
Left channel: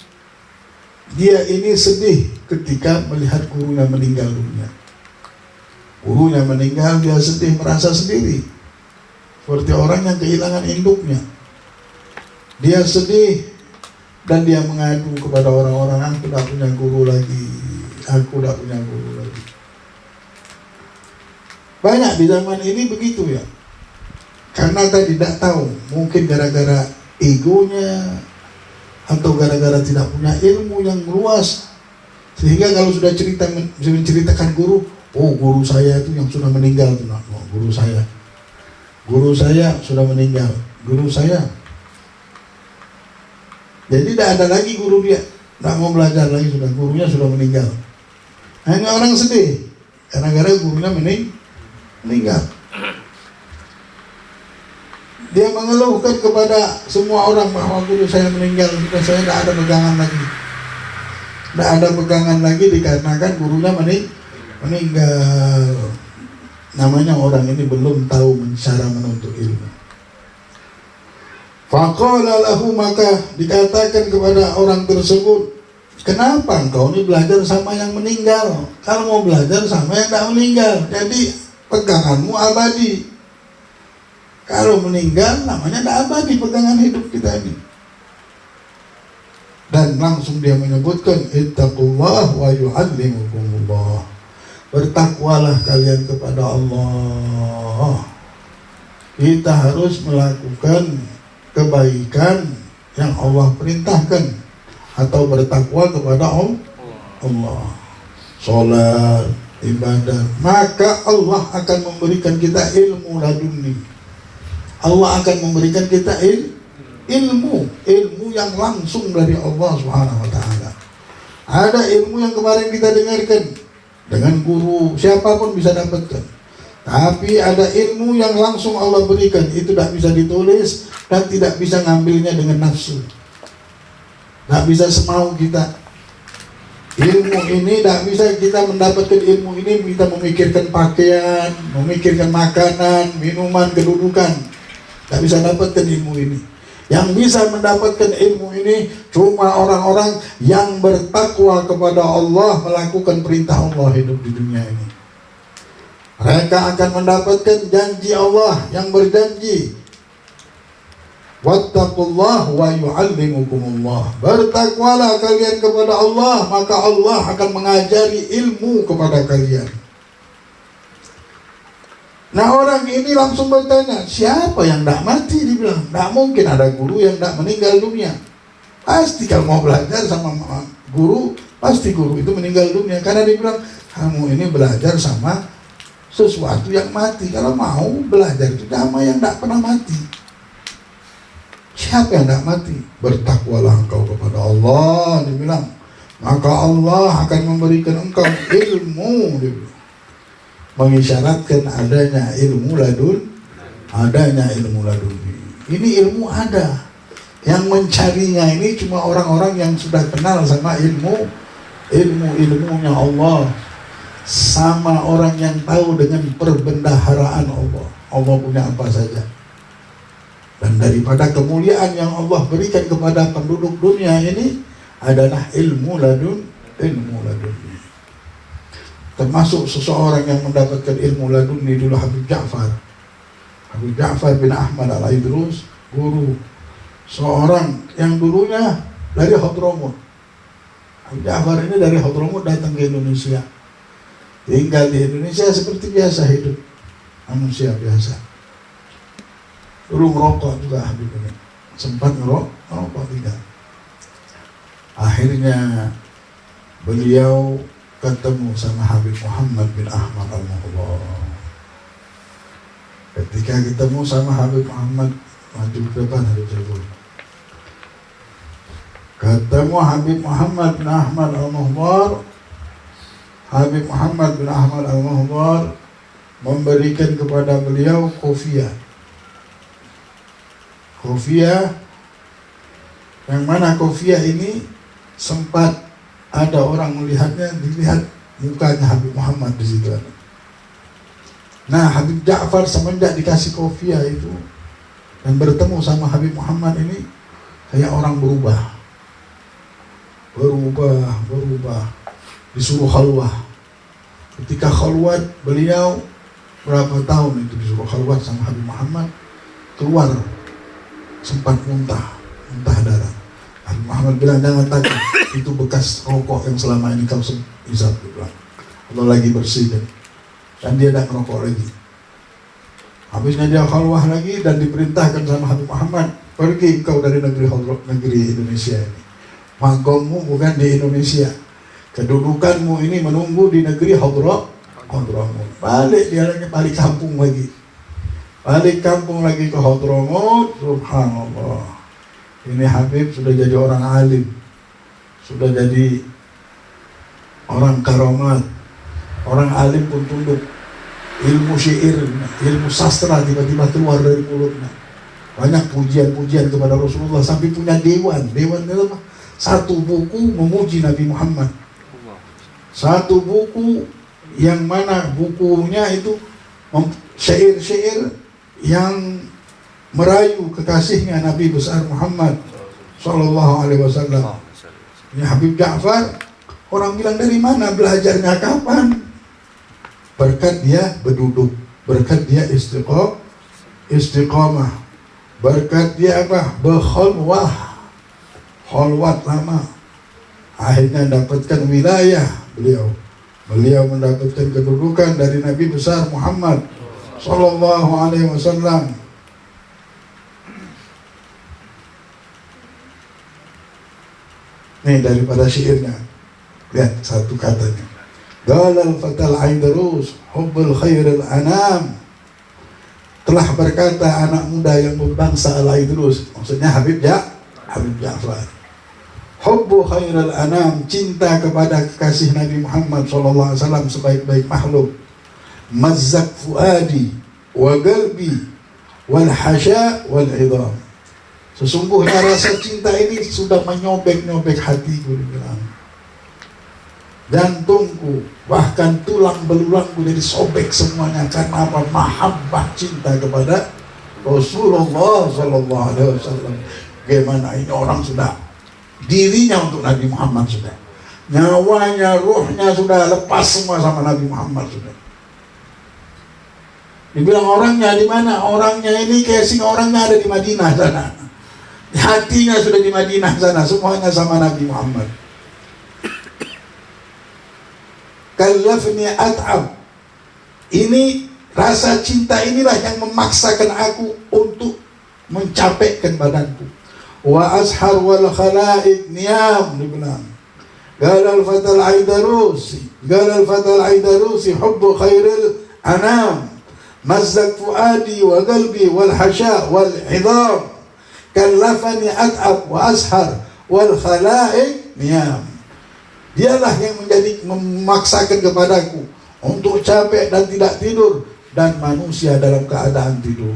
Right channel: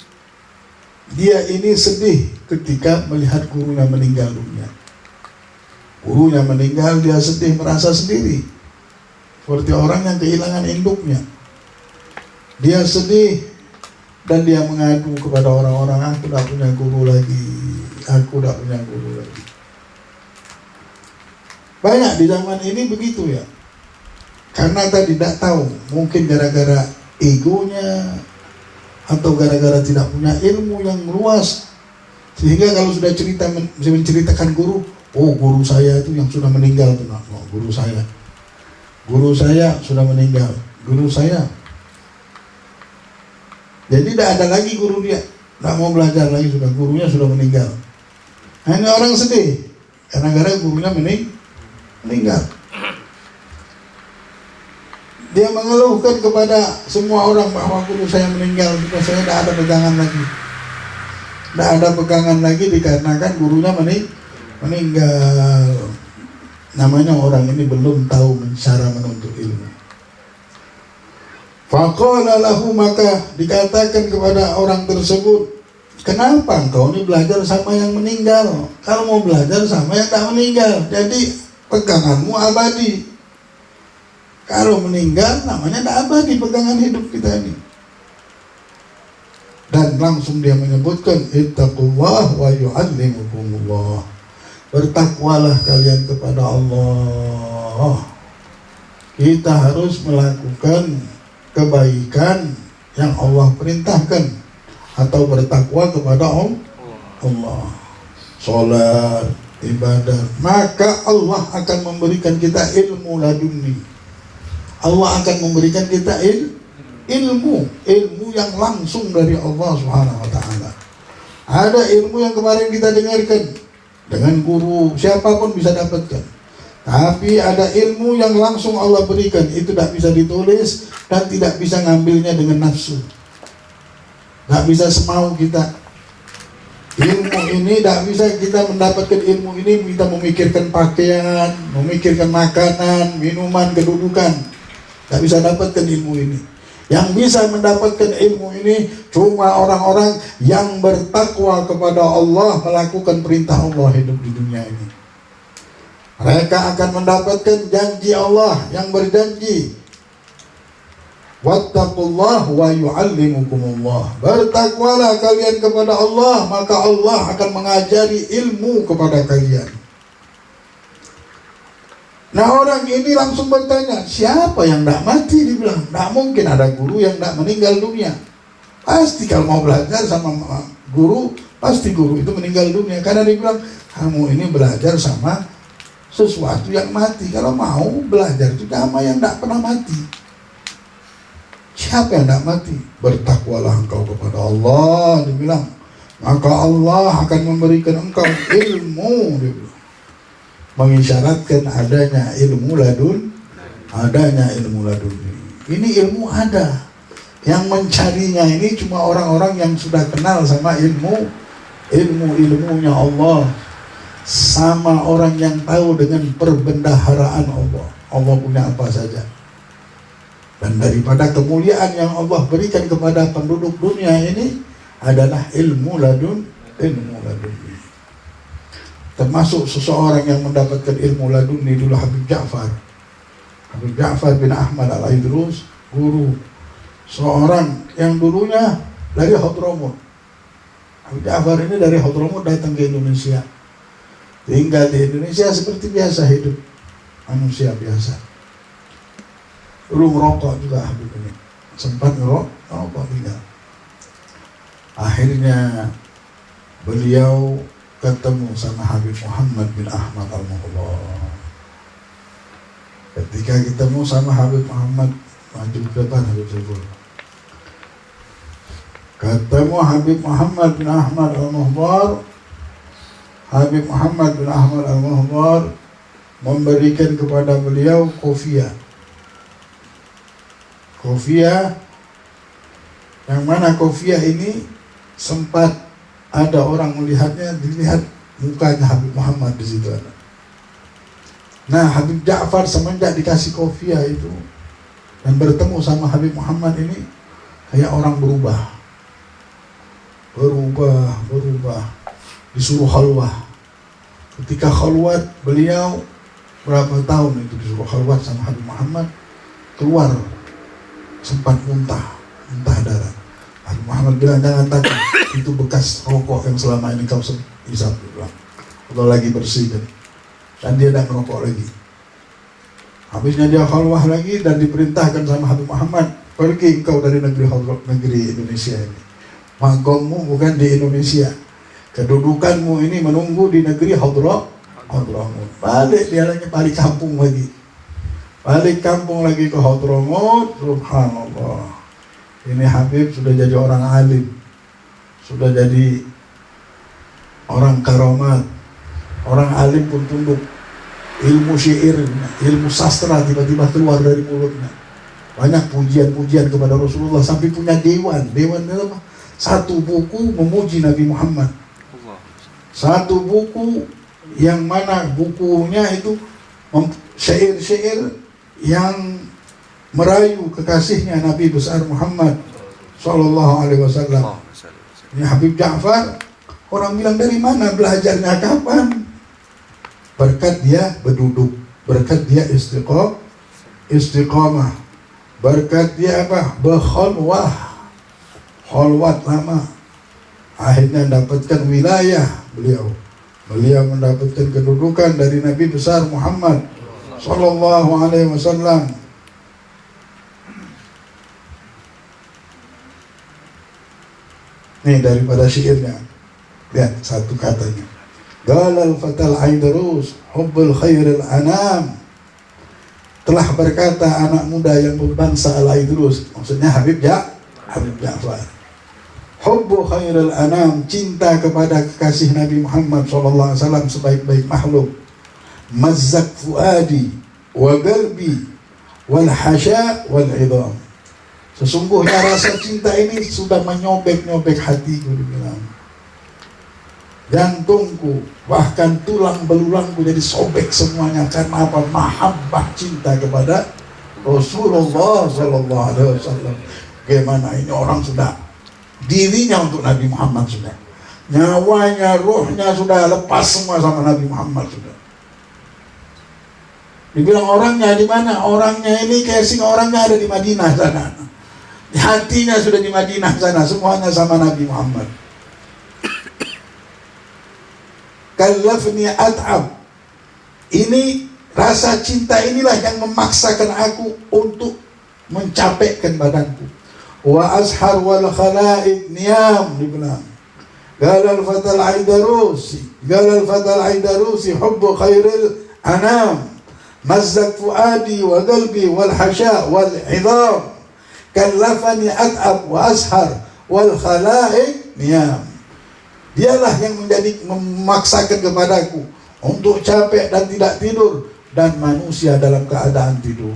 dia ini sedih ketika melihat gurunya meninggal dunia. Gurunya meninggal, dia sedih, merasa sendiri, seperti orang yang kehilangan induknya. Dia sedih dan dia mengadu kepada orang-orang, aku tidak punya guru lagi, aku tidak punya guru lagi. Banyak di zaman ini begitu ya. Karena tadi tidak tahu, mungkin gara-gara egonya atau gara-gara tidak punya ilmu yang luas, sehingga kalau sudah menceritakan guru, oh guru saya itu yang sudah meninggal, guru saya sudah meninggal. guru saya. Jadi tidak ada lagi guru dia, tidak mau belajar lagi, sudah gurunya sudah meninggal. Nah, ini orang sedih karena gara gurunya meninggal. Dia mengeluhkan kepada semua orang bahwa guru saya meninggal, sudah saya tidak ada pegangan lagi. Tidak ada pegangan lagi dikarenakan gurunya meninggal. Namanya orang ini belum tahu cara menuntut ilmu. Faqala lahu, maka dikatakan kepada orang tersebut, kenapa engkau ini belajar sama yang meninggal? Kalau mau belajar sama yang tak meninggal, jadi peganganmu abadi. Kalau meninggal namanya tak abadi pegangan hidup kita ini. Dan langsung dia menyebutkan, ittaqullah wa yu'allimukumullah. Bertakwalah kalian kepada Allah. Kita harus melakukan kebaikan yang Allah perintahkan atau bertakwa kepada Allah. Salat, ibadah, maka Allah akan memberikan kita ilmu laduni. Allah akan memberikan kita ilmu yang langsung dari Allah Subhanahu wa taala. Ada ilmu yang kemarin kita dengarkan dengan guru, siapapun bisa dapatkan. Tapi ada ilmu yang langsung Allah berikan, itu tidak bisa ditulis dan tidak bisa ngambilnya dengan nafsu. Tidak bisa semau kita. Ilmu ini tidak bisa kita mendapatkan ilmu ini kita memikirkan pakaian, memikirkan makanan, minuman, kedudukan. Tidak bisa dapatkan ilmu ini. Yang bisa mendapatkan ilmu ini cuma orang-orang yang bertakwa kepada Allah, melakukan perintah Allah hidup di dunia ini. Mereka akan mendapatkan janji Allah yang berjanji, wattaqullah wa yu'allimukumullah. Bertakwalah kalian kepada Allah, maka Allah akan mengajari ilmu kepada kalian. Nah, orang ini langsung bertanya, siapa yang tidak mati? Dibilang, tidak mungkin ada guru yang tidak meninggal dunia. Pasti kalau mau belajar sama guru, pasti guru itu meninggal dunia. Karena dia bilang, kamu ini belajar sama sesuatu yang mati. Kalau mau belajar itu sama yang tidak pernah mati. Siapa yang tidak mati? Bertakwalah engkau kepada Allah, dia bilang. Maka Allah akan memberikan engkau ilmu, dia bilang. Mengisyaratkan adanya ilmu laduni. Ini ilmu ada. Yang mencarinya ini cuma orang-orang yang sudah kenal sama ilmunya Allah, sama orang yang tahu dengan perbendaharaan Allah. Allah punya apa saja. Dan daripada kemuliaan yang Allah berikan kepada penduduk dunia ini adalah ilmu laduni. Termasuk seseorang yang mendapatkan ilmu laduni dulu Habib Ja'far bin Ahmad Al-Aidrus, guru seorang yang dulunya dari Hadramut. Habib Ja'far ini dari Hadramut datang ke Indonesia, tinggal di Indonesia seperti biasa, hidup manusia biasa. Dulu merokok juga Habib ini, sempat merokok tinggal. Akhirnya beliau ketemu sama Habib Muhammad bin Ahmad Al-Muhtar. Ketika ketemu sama Habib Muhammad, maju ke depan Habib Syekh. Ketemu Habib Muhammad bin Ahmad Al-Muhtar. Habib Muhammad bin Ahmad Al-Muhtar memberikan kepada beliau kofiah. Kofiah yang mana kofiah ini sempat ada orang melihatnya, dilihat mukanya Habib Muhammad di situ. Nah, Habib Ja'far semenjak dikasih kofiah itu dan bertemu sama Habib Muhammad ini, kayak orang berubah, disuruh khalwah. Ketika khalwat, beliau berapa tahun itu disuruh khalwat sama Habib Muhammad, keluar sempat muntah darah. Habib Muhammad bilang, jangan takut, itu bekas rokok yang selama ini kau bisa bilang. Kalau lagi bersih dan dia tidak merokok lagi. Habisnya dia khalwah lagi dan diperintahkan sama Habib Muhammad, pergi engkau dari negeri Indonesia ini. Makommu bukan di Indonesia, kedudukanmu ini menunggu di negeri Hadramut. Balik dia lagi, balik kampung lagi. Balik kampung lagi ke Hadramut, subhanallah. Ini Habib sudah jadi orang alim, sudah jadi orang karamat, orang alim pun tunduk. Ilmu syair, ilmu sastra tiba-tiba keluar dari mulutnya. Banyak pujian-pujian kepada Rasulullah, sampai punya dewan apa? Satu buku memuji Nabi Muhammad. Satu buku yang mana bukunya itu syair-syair yang merayu kekasihnya Nabi besar Muhammad Sallallahu Alaihi Wasallam. Ini Habib Ja'far, orang bilang dari mana belajarnya, kapan? Berkat dia berduduk, berkat dia istiqamah, berkat dia apa? Berkhalwah, khalwat lama. Akhirnya dapatkan wilayah beliau mendapatkan kedudukan dari Nabi besar Muhammad Sallallahu Alaihi Wasallam. Nih daripada syairnya, lihat satu katanya. Galal fatal Aidarus hubbul khairil anam. Telah berkata anak muda yang berbangsa Al-Aidrus, maksudnya Habib Ja'far. Hubbu khairil anam, cinta kepada kekasih Nabi Muhammad SAW sebaik-baik makhluk. Mazzak fuadi wa qalbi wal hasya wal idham. Sesungguhnya rasa cinta ini sudah menyobek-nyobek hatiku, dibilang. Jantungku, bahkan tulang belulangku jadi sobek semuanya. Karena apa? Mahabbah, cinta kepada Rasulullah Sallallahu Alaihi Wasallam. Bagaimana ini orang sudah dirinya untuk Nabi Muhammad, sudah nyawanya, ruhnya sudah lepas semua sama Nabi Muhammad sudah. Dibilang orangnya di mana? Orangnya ini casing orangnya ada di Madinah sana. Hatinya sudah di Madinah sana, semuanya sama Nabi Muhammad. Kallafni at'ab. Ini rasa cinta inilah yang memaksakan aku untuk mencapekkan badanku. Wa ashar wal khalaiq niyam, dibilang. Galal fatal aidarusi hubbu khairil anam. Mazzak fuadi wa qalbi wal hasya wal idham. Kallafani at'ab wa ashar wal khalaiq niyam. Dialah yang memaksakan kepadaku untuk capek dan tidak tidur, dan manusia dalam keadaan tidur.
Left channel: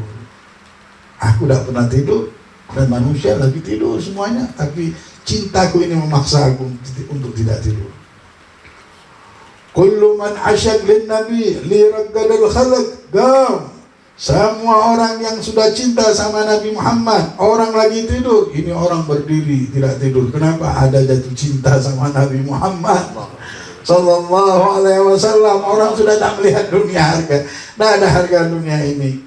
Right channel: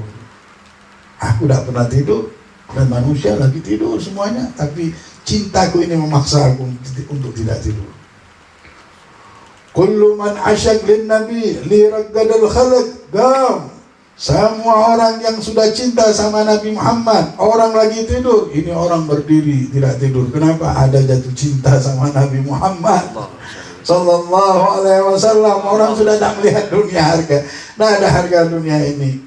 Aku tidak pernah tidur dan manusia lagi tidur semuanya, tapi cintaku ini memaksa aku untuk tidak tidur. Kullu man asyaq lin nabi li raddal khalq gam. Semua orang yang sudah cinta sama Nabi Muhammad, orang lagi tidur, ini orang berdiri tidak tidur. Kenapa? Ada jatuh cinta sama Nabi Muhammad Sallallahu Alaihi Wasallam. Orang sudah tak melihat dunia harga, tidak ada harga dunia ini.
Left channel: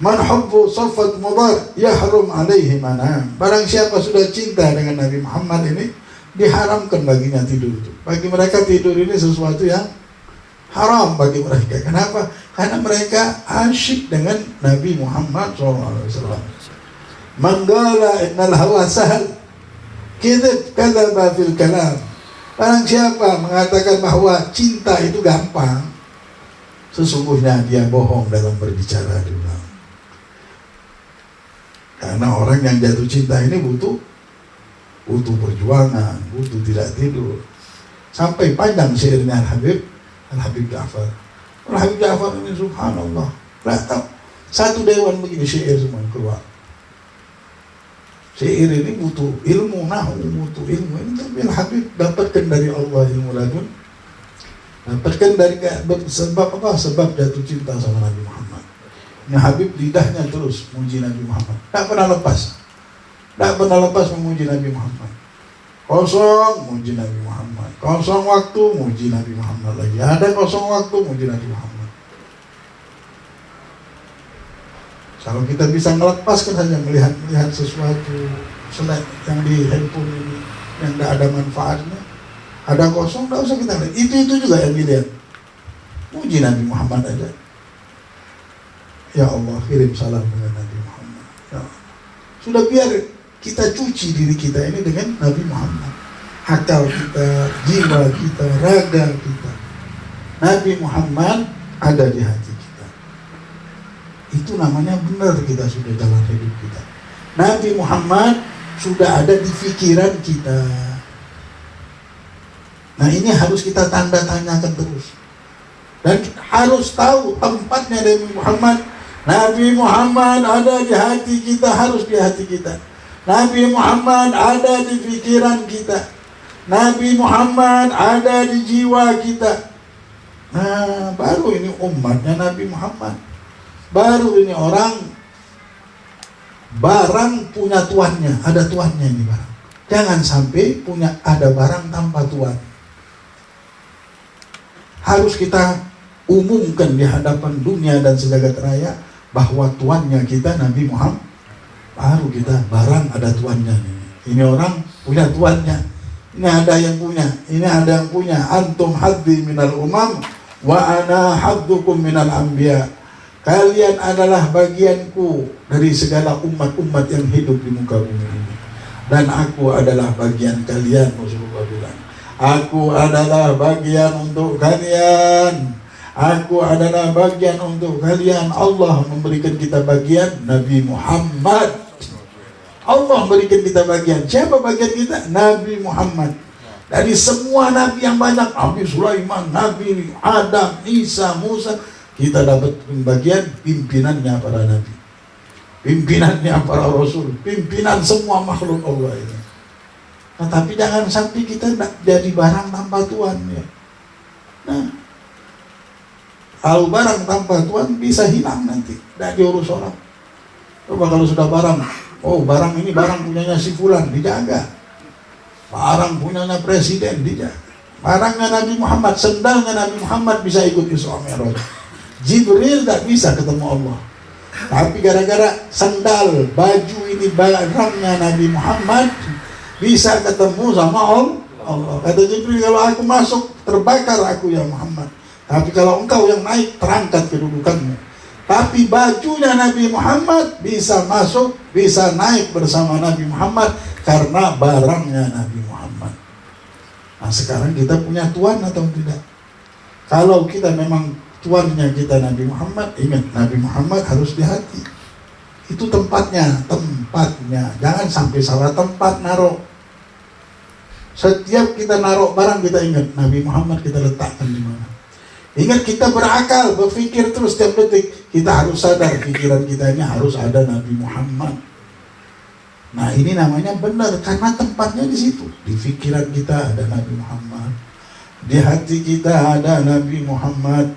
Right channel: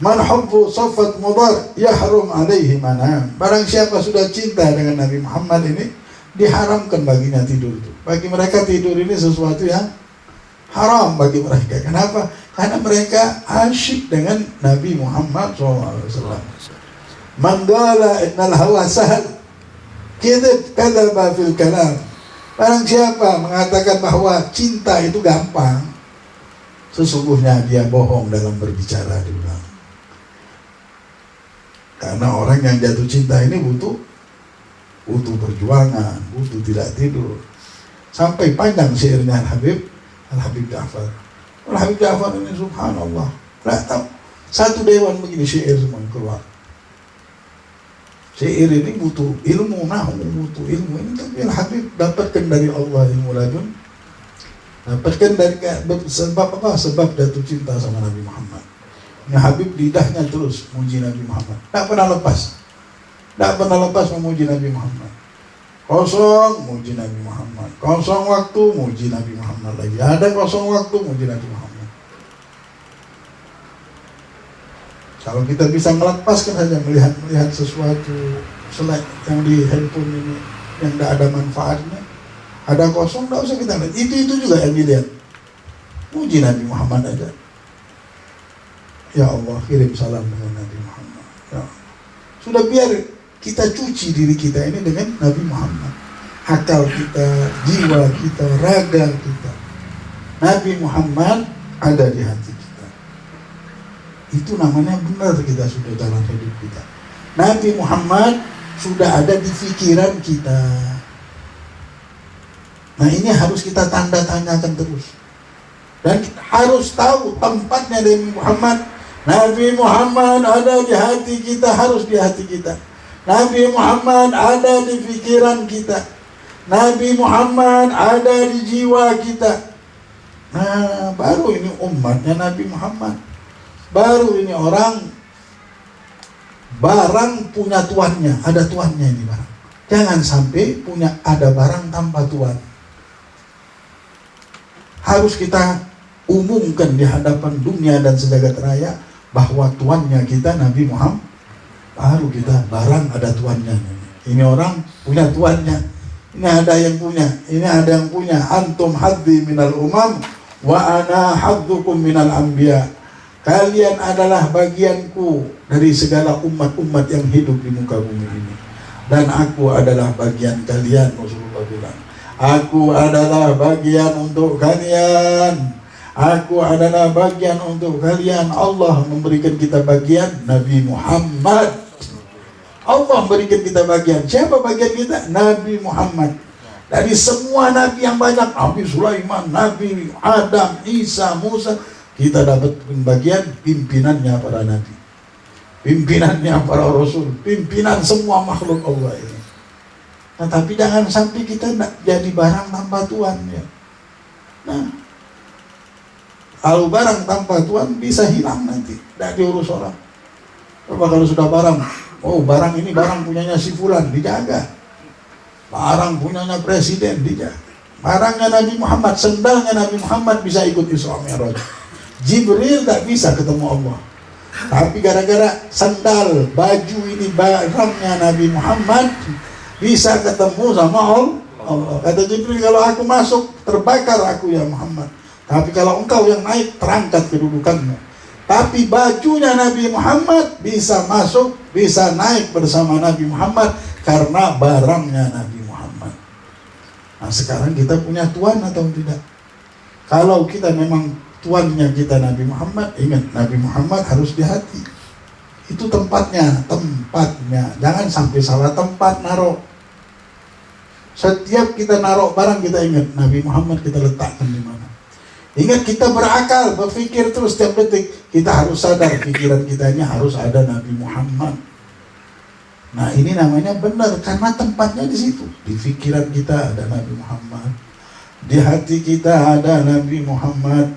Man hubbu saffat mudar yahrum alaihi manam. Barang siapa sudah cinta dengan Nabi Muhammad ini, diharamkan baginya tidur itu. Bagi mereka tidur ini sesuatu yang haram bagi mereka. Kenapa? Karena mereka asyik dengan Nabi Muhammad SAW. Manggala innal hawa sahal kadzab kadzaba fil kalam. Barang siapa mengatakan bahwa cinta itu gampang, sesungguhnya dia bohong dalam berbicara. Karena orang yang jatuh cinta ini butuh perjuangan, butuh tidak tidur. Sampai panjang syairnya Al-Habib Ja'far. Al-Habib Ja'far ini subhanallah, satu dewan begini syair semua keluar. Syair ini butuh ilmu nahwu, butuh ilmu ini, tapi Al-Habib dapatkan dari Allah ilmu ladun. Dapatkan dari sebab apa? Sebab jatuh cinta sama Nabi Muhammad. Ini Habib lidahnya terus muji Nabi Muhammad, tak pernah lepas memuji Nabi Muhammad. Kosong muji Nabi Muhammad, kosong waktu muji Nabi Muhammad lagi, ada kosong waktu muji Nabi Muhammad. Kalau kita bisa melepaskan saja melihat sesuatu selain yang di handphone ini yang tidak ada manfaatnya, ada kosong, tidak usah kita lihat. Itu juga yang dilihat. Muji Nabi Muhammad aja. Ya Allah, kirim salam dengan Nabi Muhammad. Ya. Sudah biar kita cuci diri kita ini dengan Nabi Muhammad. Akal kita, jiwa kita, raga kita. Nabi Muhammad ada di hati kita. Itu namanya benar kita sudah jalan hidup kita. Nabi Muhammad sudah ada di pikiran kita. Nah ini harus kita tanda tanyakan terus. Dan kita harus tahu tempatnya Nabi Muhammad. Nabi Muhammad ada di hati kita, harus di hati kita. Nabi Muhammad ada di pikiran kita. Nabi Muhammad ada di jiwa kita. Nah baru ini umatnya Nabi Muhammad. Baru ini orang, barang punya tuannya, ada tuannya ini barang. Jangan sampai ada barang tanpa tuan. Harus kita umumkan di hadapan dunia dan sejagat raya bahwa tuannya kita Nabi Muhammad. Baru kita barang ada tuannya. Ini orang punya tuannya. Ini ada yang punya. Ini ada yang punya. Antum haddi minal umam wa ana haddukum minal anbiya. Kalian adalah bagianku dari segala umat-umat yang hidup di muka bumi ini. Dan aku adalah bagian kalian, Rasulullah bilang. Aku adalah bagian untuk kalian. Aku adalah bagian untuk kalian. Allah memberikan kita bagian Nabi Muhammad. Allah memberikan kita bagian. Siapa bagian kita? Nabi Muhammad. Dari semua Nabi yang banyak, Nabi Sulaiman, Nabi Adam, Isa, Musa, kita dapat bagian pimpinannya para Nabi. Pimpinannya para Rasul. Pimpinan semua makhluk Allah ini. Nah, tapi jangan sampai kita jadi barang tanpa tuan. Ya. Nah, kalau barang tanpa tuan bisa hilang nanti. Tidak diurus orang. Coba kalau sudah barang. Oh barang ini barang punyanya si fulan, dijaga. Barang punyanya presiden, dijaga. Barangnya Nabi Muhammad, sendalnya Nabi Muhammad bisa ikut Isra Mi'raj. Jibril tak bisa ketemu Allah. Tapi gara-gara sandal, baju ini barangnya Nabi Muhammad, bisa ketemu sama Allah. Kata Jibril, kalau aku masuk terbakar aku ya Muhammad. Tapi kalau engkau yang naik, terangkat kedudukanmu. Tapi bajunya Nabi Muhammad bisa masuk, bisa naik bersama Nabi Muhammad karena barangnya Nabi Muhammad. Nah sekarang kita punya tuan atau tidak? Kalau kita memang tuannya kita Nabi Muhammad, ingat Nabi Muhammad harus di hati. Itu tempatnya. Jangan sampai salah tempat naruh. Setiap kita naruh barang kita ingat Nabi Muhammad kita letakkan di mana. Ingat kita berakal, berpikir terus setiap detik. Kita harus sadar pikiran kita ini harus ada Nabi Muhammad. Nah ini namanya benar karena tempatnya di situ. Di pikiran kita ada Nabi Muhammad. Di hati kita ada Nabi Muhammad.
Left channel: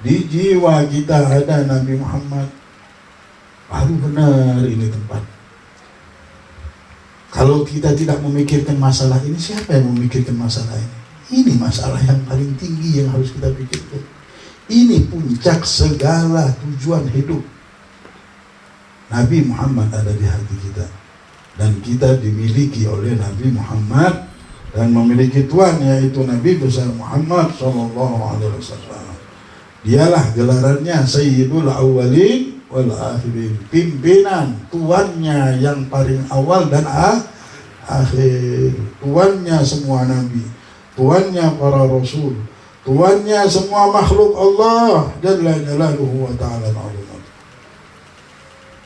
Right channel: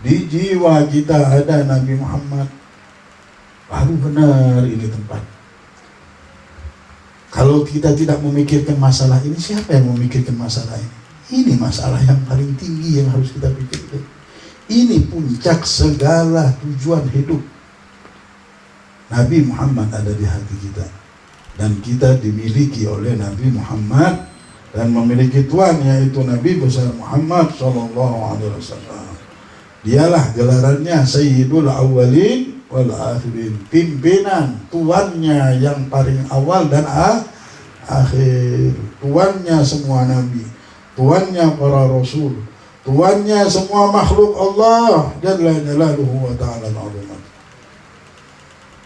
Di jiwa kita ada Nabi Muhammad. Baru benar ini tempat. Kalau kita tidak memikirkan masalah ini, siapa yang memikirkan masalah ini? Ini masalah yang paling tinggi yang harus kita pikirkan. Ini puncak segala tujuan hidup. Nabi Muhammad ada di hati kita. Dan kita dimiliki oleh Nabi Muhammad. Dan memiliki Tuhan yaitu Nabi besar Muhammad SAW. Dialah gelarannya Sayyidul Awwalin wal Akhirin. Pimpinan, tuannya yang paling awal dan akhir. Tuannya semua Nabi. Tuannya para Rasul. Tuannya semua makhluk Allah. Jalla jalaluhu wa ta'ala al-azim.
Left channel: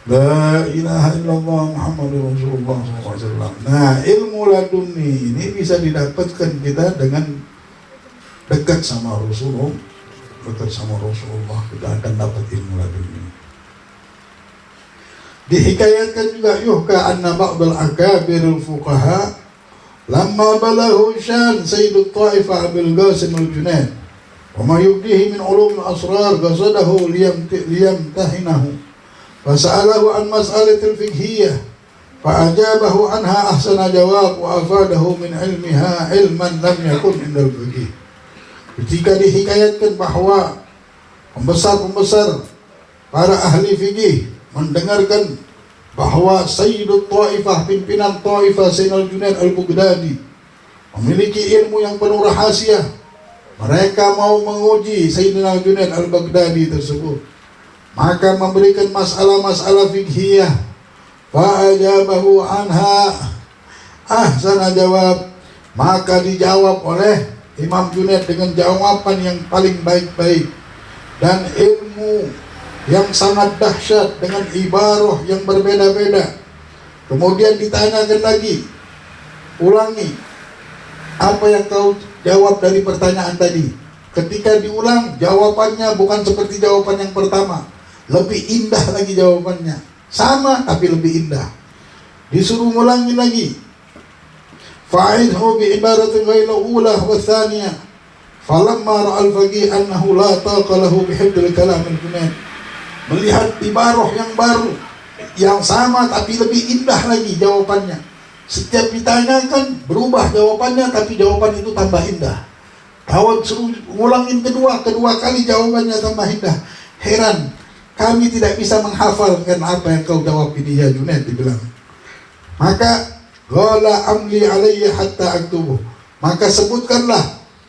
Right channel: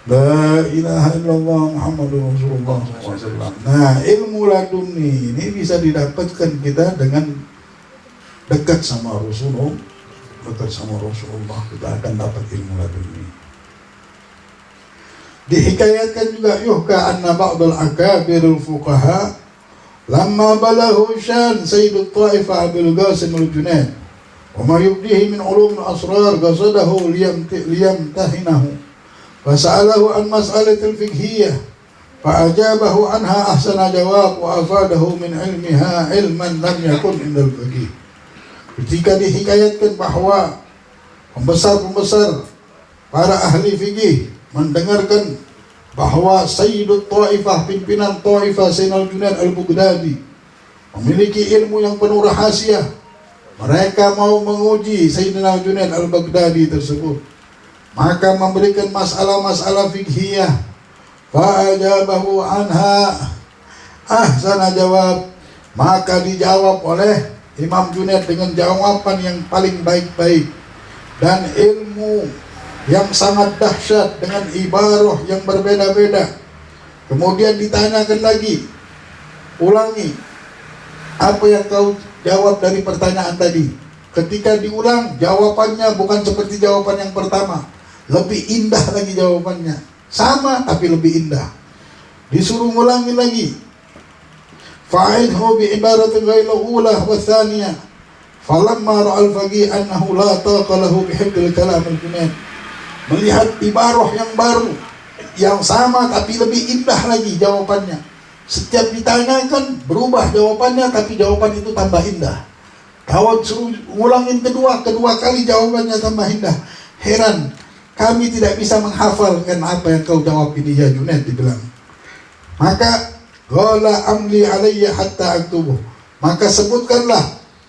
La ilaha illallah Muhammadur Rasulullah SAW. Nah ilmu laduni ini bisa didapatkan kita dengan dekat sama Rasulullah. Dekat sama Rasulullah kita akan dapat ilmu laduni. Dihikayatkan juga yuhka anna ba'dal akabirul fuqaha lamma balahu syan Sayyidut Ta'ifa Abil Qasim al-Junaid wa ma yubdihi min ulum al-asrar qasadahu liyamtahinahu fasa'alahu an mas'alatil fiqhiyah fa'ajabahu anha ahsana jawab wa afadahu min ilmiha ilman lam yakun indal fiqh. Ketika dihikayatkan bahwa pembesar-pembesar para ahli fikih mendengarkan bahwa Sayyidut Taifah, pimpinan Taifah Sayyidina Junaid al-Baghdadi memiliki ilmu yang penuh rahasia. Mereka mau menguji Sayyidina Junaid al-Baghdadi tersebut, maka memberikan masalah-masalah fikhiyah. Fa'ajabahu anha ahsana jawab, maka dijawab oleh Imam Junaid dengan jawaban yang paling baik-baik. Dan ilmu yang sangat dahsyat dengan ibarah yang berbeda-beda. Kemudian ditanyakan lagi, ulangi apa yang kau jawab dari pertanyaan tadi. Ketika diulang, jawabannya bukan seperti jawaban yang pertama, lebih indah lagi jawabannya, sama tapi lebih indah. Disuruh ulangi lagi, fa'idhu bi ibaratin ghayra ulah wa thaniyah falamma ra'al faqih annahu la taqa lahu bihifdil kalam al-junaid. Melihat ibarah yang baru, yang sama tapi lebih indah lagi jawabannya. Setiap ditanyakan berubah jawabannya, tapi jawaban itu tambah indah. Kawan suruh ngulangin kedua kali jawabannya tambah indah. Heran, kami tidak bisa menghafalkan apa yang kau jawab ini ya Junaid, dibilang. Maka qala amli alayya hatta aktubuh. Maka sebutkanlah,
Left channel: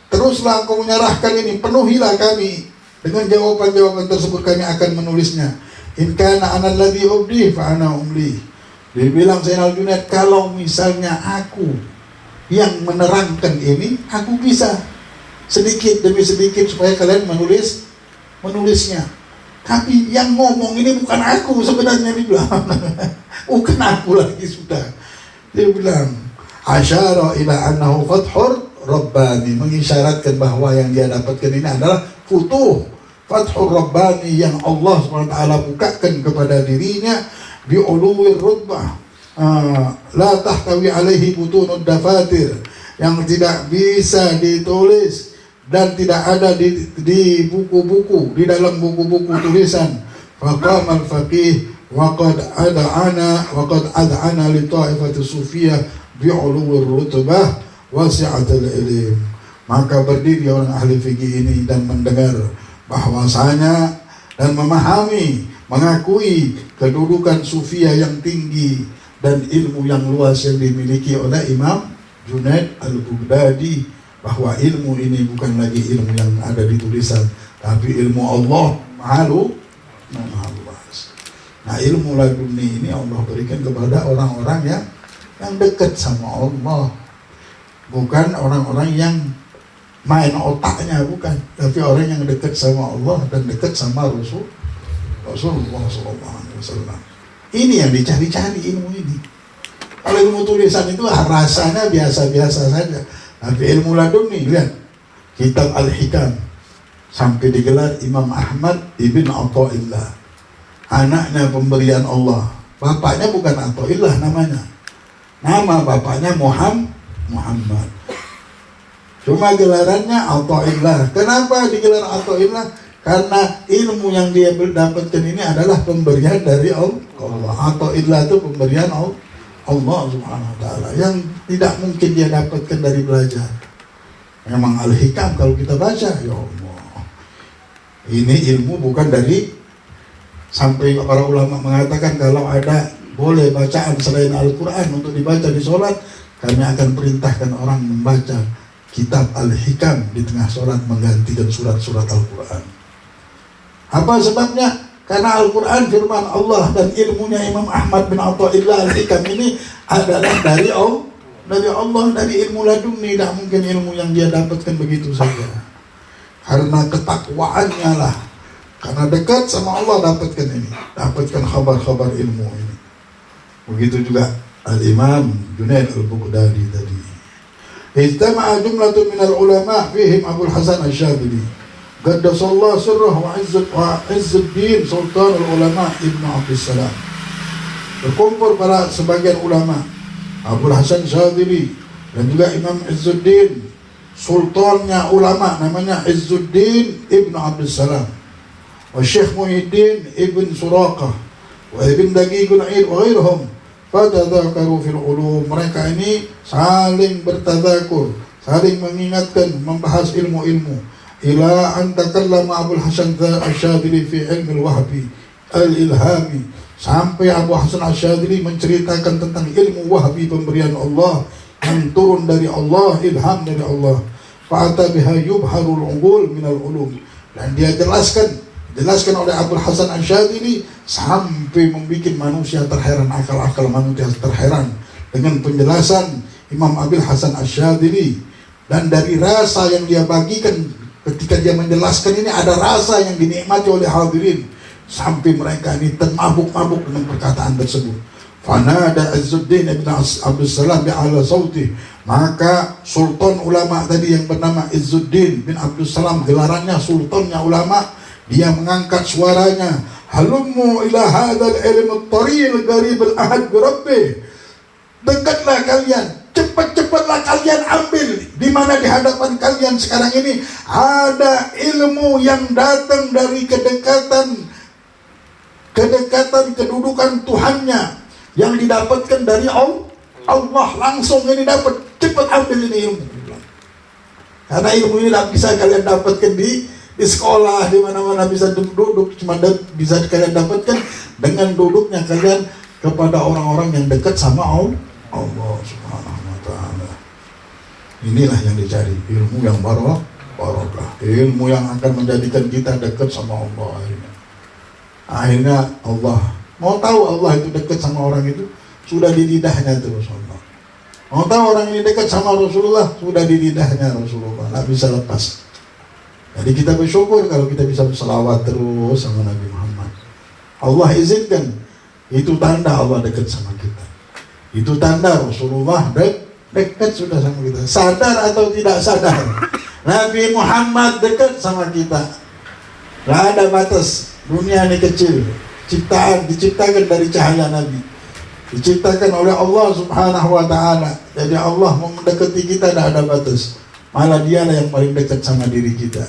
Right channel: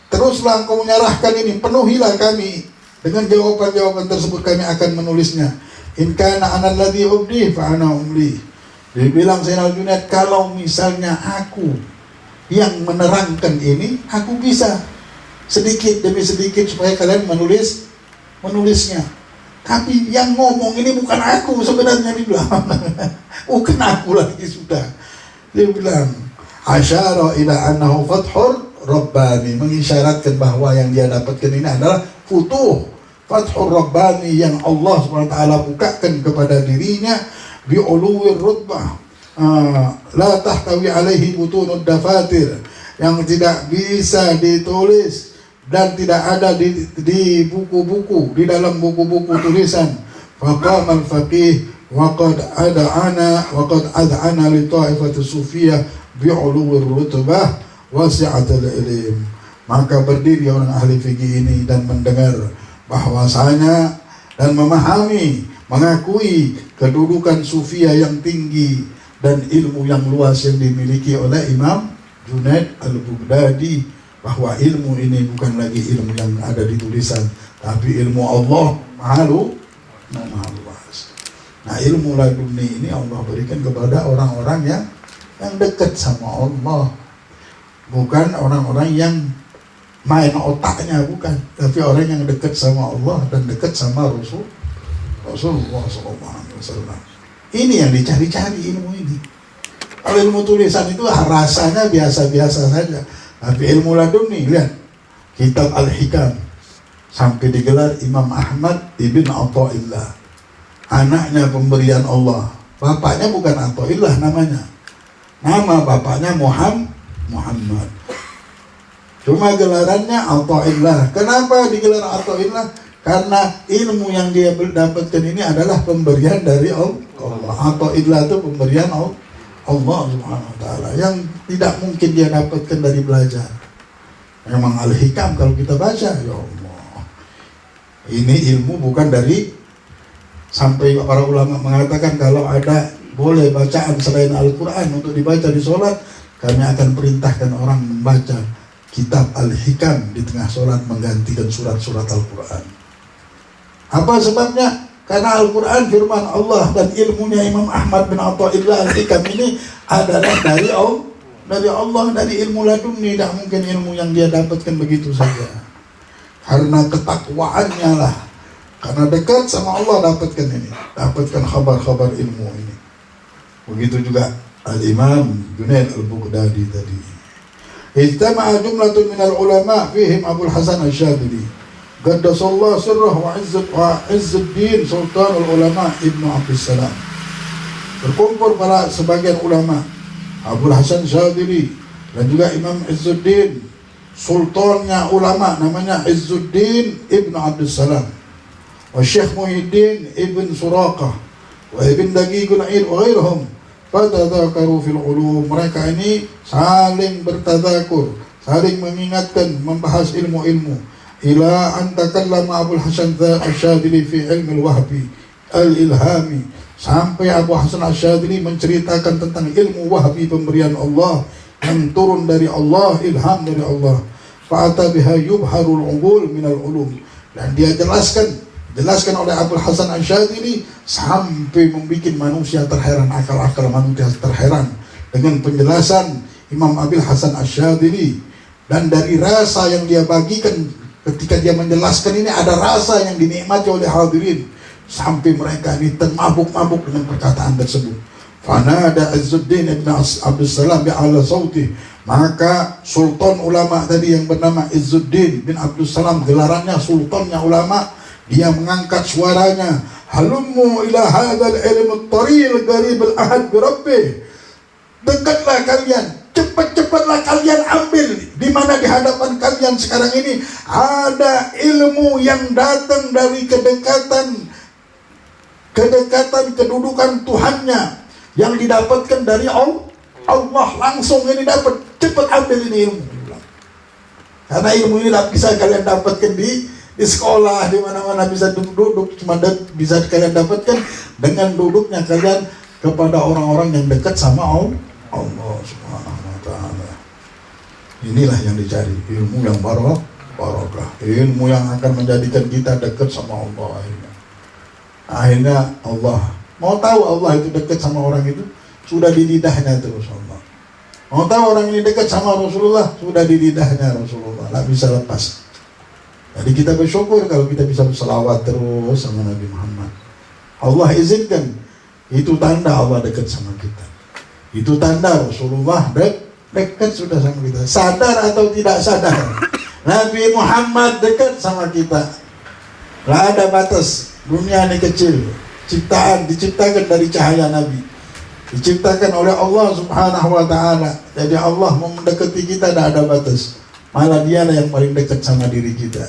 teruslah engkau menyerahkan ini, penuhilah kami dengan jawaban-jawaban tersebut, kami akan menulisnya. In kana ana alladhi ubdi fa ana umli. Dia bilang Zainal Junaid, kalau misalnya aku yang menerangkan ini, aku bisa sedikit demi sedikit supaya kalian menulisnya. Tapi yang ngomong ini bukan aku sebenarnya, dia bilang. Bukan aku lagi sudah. Dia bilang asyara ila annahu fathur rabbani, mengisyaratkan bahwa yang dia dapatkan ini adalah futuh, fathur rabbani, yang Allah SWT bukakan kepada dirinya bi'uluwir rutbah, la tahtawi alaihi butunud dafatir, yang tidak bisa ditulis dan tidak ada di buku-buku, di dalam buku-buku tulisan. Faqama al-faqih waqad ad'ana li ta'ifati sufiyah bi'uluwir rutbah wasi'atul ilim. Maka berdiri orang ahli fikih ini dan mendengar bahwasanya dan memahami, mengakui kedudukan sufiyah yang tinggi dan ilmu yang luas yang dimiliki oleh Imam Junaid al-Baghdadi, bahwa ilmu ini bukan lagi ilmu yang ada di tulisan, tapi ilmu Allah maha luas. Nah, ilmu laduni ini Allah berikan kepada orang-orang yang dekat sama Allah, bukan orang-orang yang main otaknya, bukan, tapi orang yang dekat sama Allah dan dekat sama Rasulullah SAW. Ini yang dicari-cari ilmu ini. Kalau ilmu tulisan itu rasanya biasa-biasa saja, tapi ilmu laduni, lihat kitab Al-Hikam sampai digelar Imam Ahmad ibn Athaillah, anaknya pemberian Allah. Bapaknya bukan Athaillah namanya, nama bapaknya Muhammad. Cuma gelarannya Athaillah. Kenapa digelar Athaillah? Karena ilmu yang dia dapatkan ini adalah pemberian dari Allah. Athaillah itu pemberian Allah Subhanahu wa ta'ala, yang tidak mungkin dia dapatkan dari belajar. Memang Al-Hikam kalau kita baca, ya Allah, ini ilmu bukan dari, sampai para ulama mengatakan kalau ada boleh bacaan selain Al-Quran untuk dibaca di sholat, kami akan perintahkan orang membaca kitab Al-Hikam di tengah sholat menggantikan surat-surat Al-Quran. Apa sebabnya? Karena Al-Quran firman Allah, dan ilmunya Imam Ahmad bin Athaillah Al-Hikam ini adalah dari Allah, dari ilmu laduni. Tidak mungkin ilmu yang dia dapatkan begitu saja. Karena ketakwaannya lah, karena dekat sama Allah dapatkan ini, dapatkan kabar-kabar ilmu ini. Begitu juga Al-Imam Junaid al-Baghdadi tadi. Ijtama'a jumlatun minal ulama fihim Abul Hasan Asy-Syadzili Qaddasallahu sirrahu wa Izzuddin Sultanul Ulama Ibnu Abdussalam. Berkumpul para sebagian ulama, Abul Hasan Syadzili dan juga Imam Izzuddin, sultannya ulama namanya Izzuddin Ibnu Abdussalam, wa Syekh Muhyiddin Ibn Suraqah wa Ibn Daqiqul Aid wa ghairhum fatadzakaru fil ulum. Mereka ini saling bertadzakur, saling mengingatkan, membahas ilmu-ilmu. Ila an takallama Abul Hasan Asy-Syadzili fi ilmi al-wahbi al-ilhami, sampai Abu Hasan Asy-Syadzili menceritakan tentang ilmu wahbi, pemberian Allah yang turun dari Allah, ilham dari Allah. Fa'ata biha yubharul uqul minal ulum, dan dia jelaskan oleh Abul Hasan Asy-Syadzili sampai membuat manusia terheran, akal-akal manusia terheran dengan penjelasan Imam Abul Hasan Asy-Syadzili. Dan dari rasa yang dia bagikan ketika dia menjelaskan ini, ada rasa yang dinikmati oleh hadirin. sampai mereka ini termabuk-mabuk dengan perkataan tersebut. Fanada Izzuddin ibn Abdul Salam bi'ala sauti, maka sultan ulama tadi yang bernama Izzuddin bin Abdul Salam, gelarannya sultannya ulama, dia mengangkat suaranya, halummu ila hadzal ilmu at-taril qarib al-ahad bi rabbih, dekatlah kalian, cepat-cepatlah kalian ambil, di mana di hadapan kalian sekarang ini ada ilmu yang datang dari kedekatan kedudukan Tuhannya, yang didapatkan dari Allah langsung, ini dapat, cepat ambil ini ilmu. Karena ilmu ini tidak bisa kalian dapatkan di sekolah, di mana-mana bisa duduk, cuma bisa kalian dapatkan dengan duduknya kalian kepada orang-orang yang dekat sama Allah Subhanahu wa Ta'ala. Inilah yang dicari, ilmu yang barokah, ilmu yang akan menjadikan kita dekat sama Allah. Akhirnya Allah mau tahu Allah itu dekat sama orang itu, sudah di lidahnya itu Rasulullah. Mau tahu orang ini dekat sama Rasulullah, sudah di lidahnya Rasulullah, tidak bisa lepas. Jadi kita bersyukur kalau kita bisa berselawat terus sama Nabi Muhammad. Allah izinkan, itu tanda Allah dekat sama kita. Itu tanda Rasulullah dekat sudah sama kita. Sadar atau tidak sadar, Nabi Muhammad dekat sama kita. Tidak ada batas, dunia ini kecil. Diciptakan dari cahaya Nabi, diciptakan oleh Allah Subhanahu wa Ta'ala. Jadi Allah mau mendekati kita tidak ada batas, malah dialah yang paling dekat sama diri kita.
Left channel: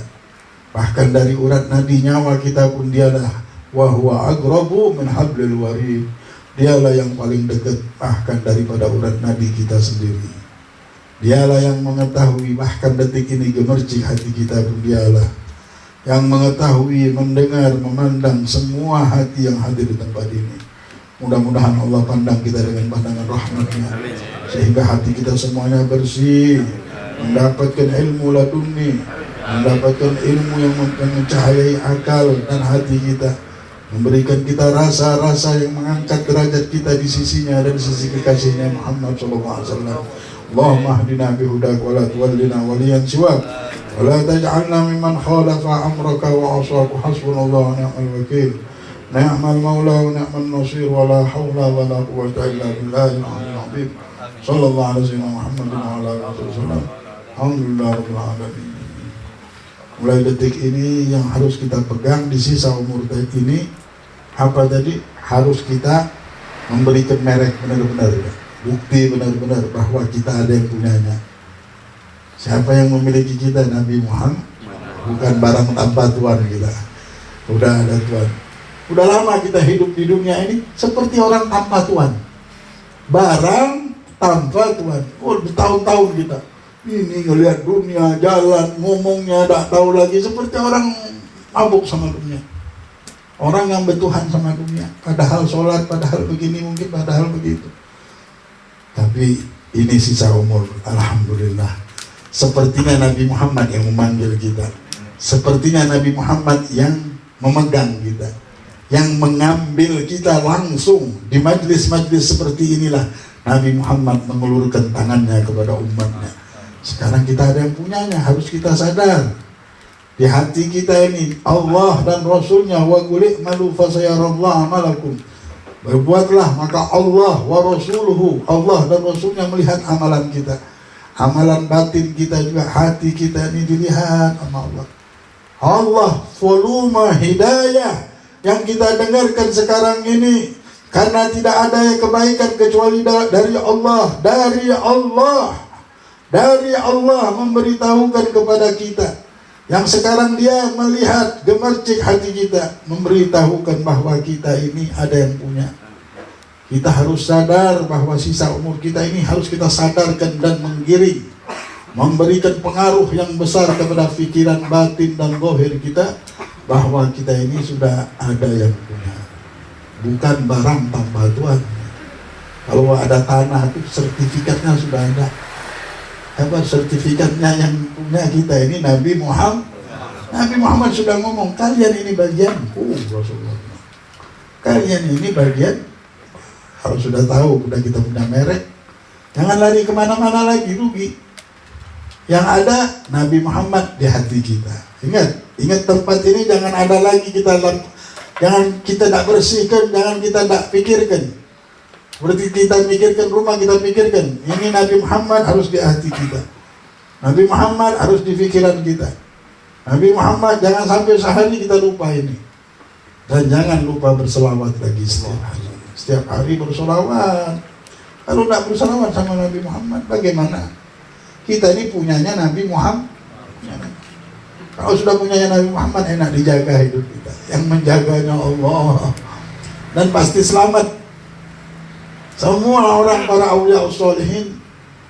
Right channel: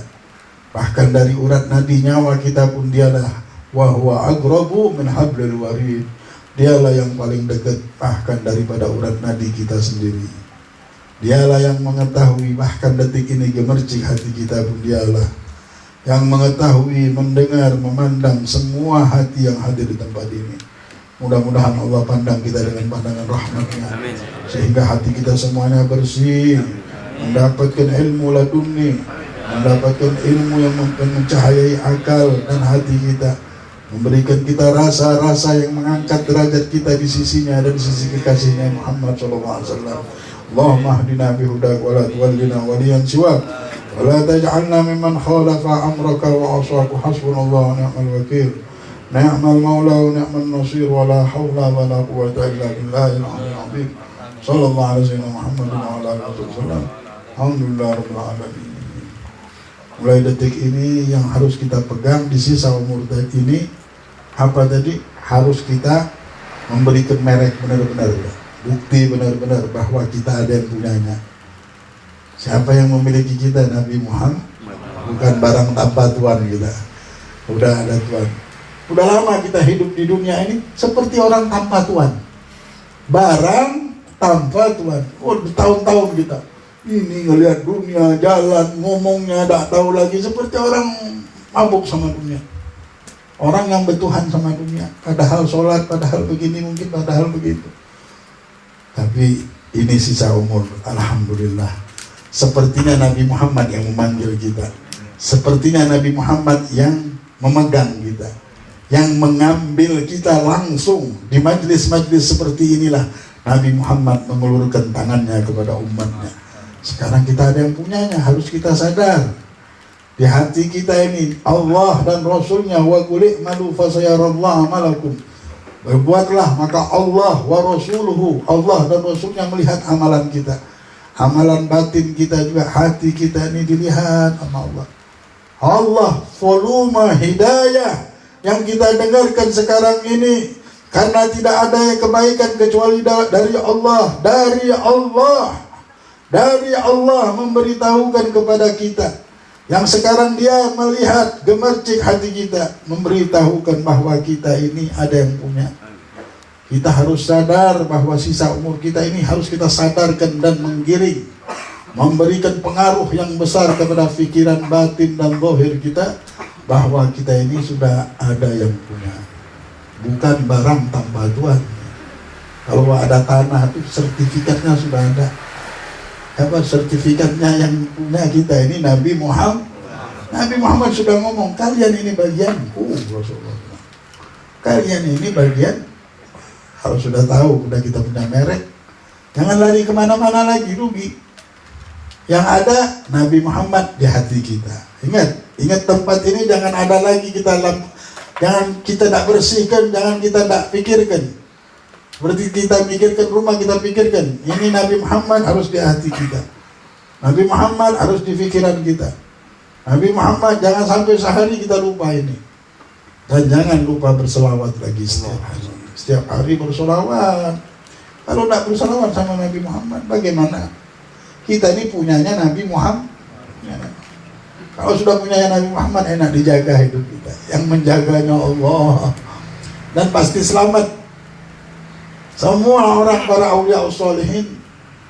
Bahkan dari urat nadi nyawa kita pun dialah, wa huwa aqrabu min hablil warid, dialah yang paling dekat bahkan daripada urat nadi kita sendiri. Dialah yang mengetahui, bahkan detik ini gemercik hati kita pun dialah yang mengetahui, mendengar, memandang semua hati yang hadir di tempat ini. Mudah-mudahan Allah pandang kita dengan pandangan rahmatnya, sehingga hati kita semuanya bersih, mendapatkan ilmu laduni, mendapatkan ilmu yang mencahayai akal dan hati kita, memberikan kita rasa-rasa yang mengangkat derajat kita di sisinya dan di sisi kekasihnya Muhammad SAW. Allahumma hdina bihudak wa la tuwallina waliyan siwak, ولا تجعلنا ممن خالف أمرك وعصاك، حسبنا الله ونعم الوكيل، نعم المولى ونعم النصير، ولا حول ولا قوة إلا بالله العلي العظيم. صلى الله على سيدنا محمد وعلى آله وسلم. Alhamdulillah rabbil alamin. Mulai detik ini yang harus kita pegang di sisa umur ini apa tadi? Harus kita memberikan merek benar-benar, bukti benar-benar bahwa kita ada yang punyanya. Siapa yang memiliki kita? Nabi Muhammad, bukan barang tanpa Tuhan kita. Udah ada Tuhan. Udah lama kita hidup di dunia ini seperti orang tanpa Tuhan, barang tanpa Tuhan. Bertahun-tahun kita ini ngelihat dunia, jalan, ngomongnya tak tahu lagi, seperti orang mabuk sama dunia. Orang yang bertuhan sama dunia, padahal sholat, padahal begini mungkin, padahal begitu. Tapi ini sisa umur, alhamdulillah. Sepertinya Nabi Muhammad yang memanggil kita, sepertinya Nabi Muhammad yang memegang kita, yang mengambil kita langsung di majlis-majlis seperti inilah. Nabi Muhammad mengulurkan tangannya kepada umatnya. Sekarang kita ada yang punyanya, harus kita sadar. Di hati kita ini Allah dan Rasulnya, wa qul malu fasayarallahu amalakum, berbuatlah maka Allah wa rasuluhu, Allah dan Rasulnya melihat amalan kita. Amalan batin kita juga, hati kita ini dilihat sama Allah. Allah volume hidayah yang kita dengarkan sekarang ini, karena tidak ada yang kebaikan kecuali dari Allah. Dari Allah memberitahukan kepada kita, yang sekarang dia melihat gemercik hati kita, memberitahukan bahwa kita ini ada yang punya. Kita harus sadar bahwa sisa umur kita ini harus kita sadarkan dan menggiring, memberikan pengaruh yang besar kepada pikiran batin dan zahir kita, bahwa kita ini sudah ada yang punya, bukan barang tanpa Tuhan. Kalau ada tanah itu sertifikatnya sudah ada. Apa sertifikatnya yang punya kita ini? Nabi Muhammad. Nabi Muhammad sudah ngomong, kalian ini bagianku, Rasulullah. Kalian ini bagian. Kalau sudah tahu, sudah kita punya merek, jangan lari kemana-mana lagi, rugi. Yang ada Nabi Muhammad di hati kita. Ingat tempat ini jangan ada lagi kita Jangan kita tak bersihkan, jangan kita tak pikirkan. Berarti kita pikirkan rumah, kita pikirkan ini Nabi Muhammad harus di hati kita. Nabi Muhammad harus di pikiran kita. Nabi Muhammad jangan sampai sehari kita lupa ini. Dan jangan lupa berselawat lagi setiap hari. Setiap hari berselawat. Kalau tidak berselawat sama Nabi Muhammad, bagaimana? Kita ini punyanya Nabi Muhammad. Kalau sudah punyanya Nabi Muhammad, enak dijaga hidup kita. Yang menjaganya Allah. Dan pasti selamat. Semua orang para awliya usholihin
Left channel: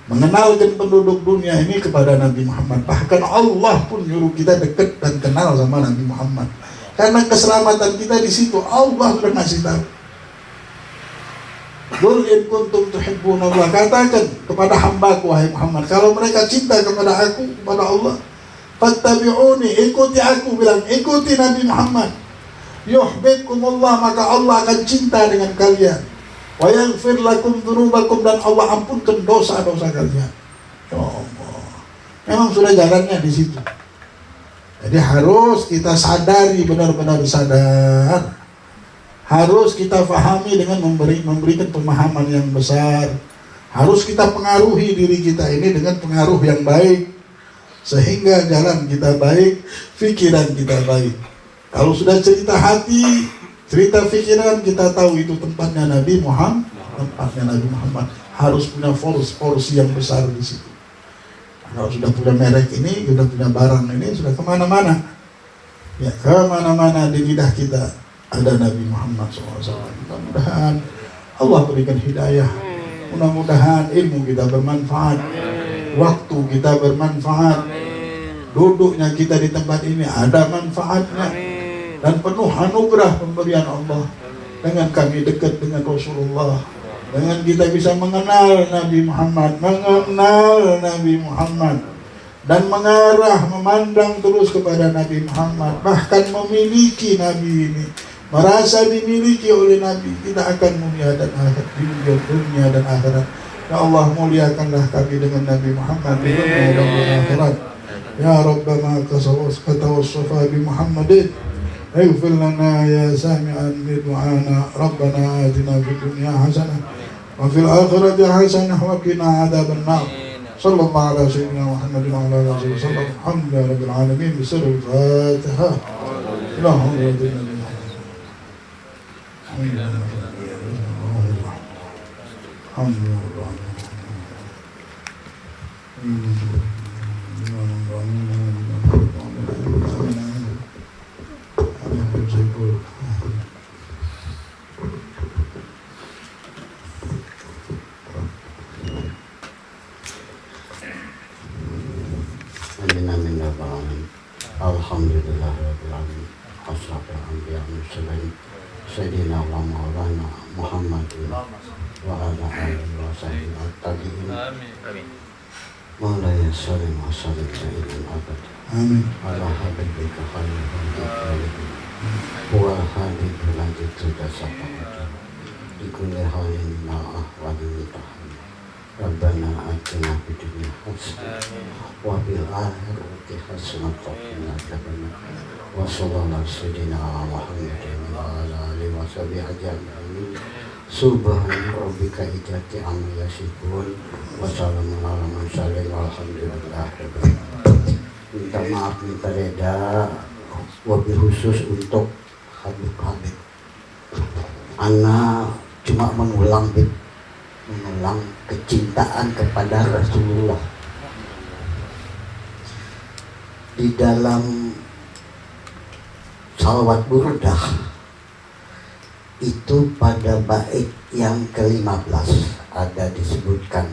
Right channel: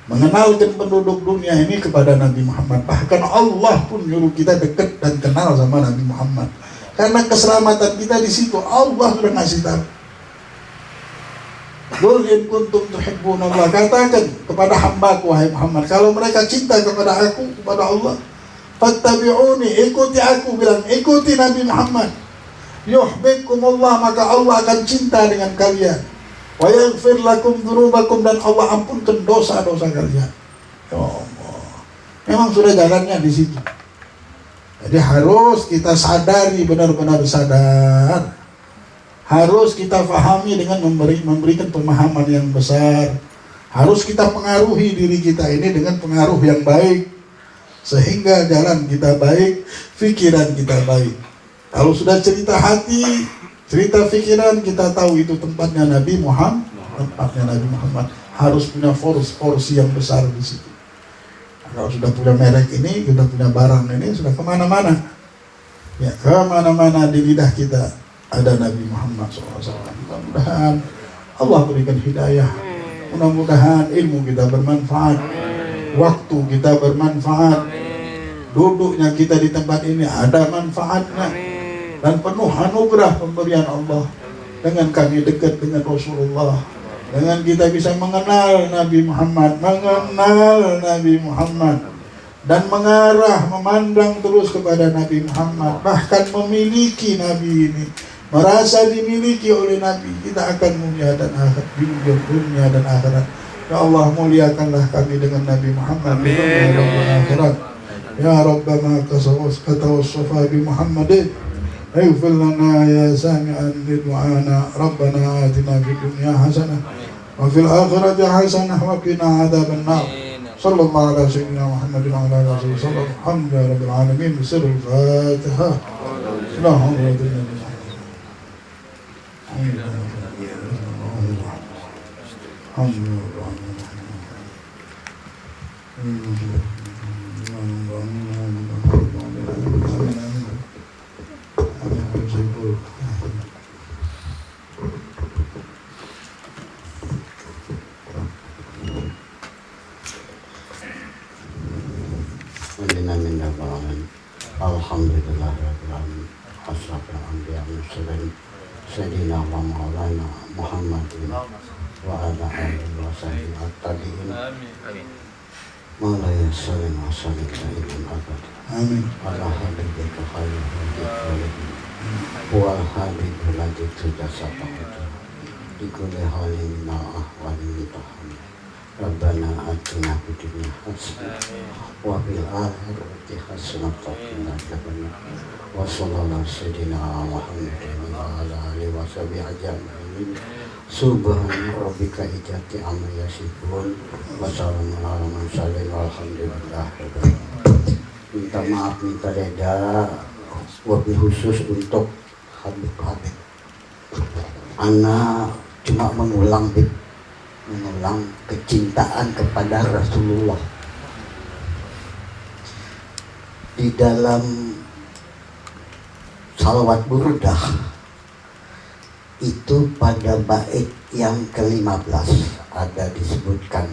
mengenalkan penduduk dunia ini kepada Nabi Muhammad. Bahkan Allah pun nyuruh kita dekat dan kenal sama Nabi Muhammad. Karena keselamatan kita di situ Allah sudah ngasih tahu. Qul in kuntum tuhibbunallah, katakan kepada hambaku wahai Muhammad, kalau mereka cinta kepada aku, kepada Allah, fattabi'uni, ikuti aku, bilang ikuti Nabi Muhammad. Yuhibbukumullah, maka Allah akan cinta dengan kalian. Wa yaghfir lakum dzunubakum, dan Allah ampunkan dosa-dosa kalian. Ya Allah. Memang sudah jalannya di situ. Jadi harus kita sadari, benar-benar sadar. Harus kita fahami dengan memberikan pemahaman yang besar. Harus kita pengaruhi diri kita ini dengan pengaruh yang baik, sehingga jalan kita baik, pikiran kita baik. Kalau sudah cerita hati, cerita pikiran, kita tahu itu tempatnya Nabi Muhammad. Tempatnya Nabi Muhammad harus punya porsi yang besar di situ. Kalau sudah punya merek ini, sudah punya barang ini, sudah kemana-mana. Ya, kemana-mana di lidah kita ada Nabi Muhammad SAW. Mudah-mudahan Allah berikan hidayah. Mudah-mudahan ilmu kita bermanfaat. Waktu kita bermanfaat. Duduknya kita di tempat ini ada manfaatnya. Dan penuh anugerah pemberian Allah. Dengan kami dekat dengan Rasulullah, dengan kita bisa mengenal Nabi Muhammad, dan mengarah, memandang terus kepada Nabi Muhammad, bahkan memiliki Nabi ini, merasa dimiliki oleh Nabi, kita akan mulia dan akhirat, dunia dan akhirat. Ya Allah, muliakanlah kami dengan Nabi Muhammad di dunia dan akhirat. Ya Rabbana katawassafa bi Muhammadin, اغفر لنا يا سامعا بدعانا ربنا آتنا في الدنيا حسنة وفي الآخرة حسنة وقنا عذاب النار صلى الله على سيدنا محمد وعلى آله وسلم الحمد لله رب العالمين بسر الفاتحة لا حول ولا قوة Alhamdulillahirrahmanirrahim. Assalamualaikum Sayyidina wa maulana Muhammadin wa ala alihi wa sahbihi at-tabi'in. Maulaya sallim wa sallim sayyidin abad. Amin. Ala habibika khalil wa habibu lagi terjasata ikuli halin ma'ahwali mitahani Rabbana atina fid dunya hasanah wa fil akhirati hasanah wa qina adzabannar. Wa sallallahu sayyidina Muhammadin wa ala alihi wa sahbihi ajma'in. Subhana rabbika izzati amma yasifun wa salamun alal mursalin walhamdulillahi rabbil alamin. Minta maaf, minta reda, wabil khusus untuk Habib-Habib. Ana cuma mengulang kecintaan kepada Rasulullah. Di dalam salawat burdah itu pada bait yang ke-15 ada disebutkan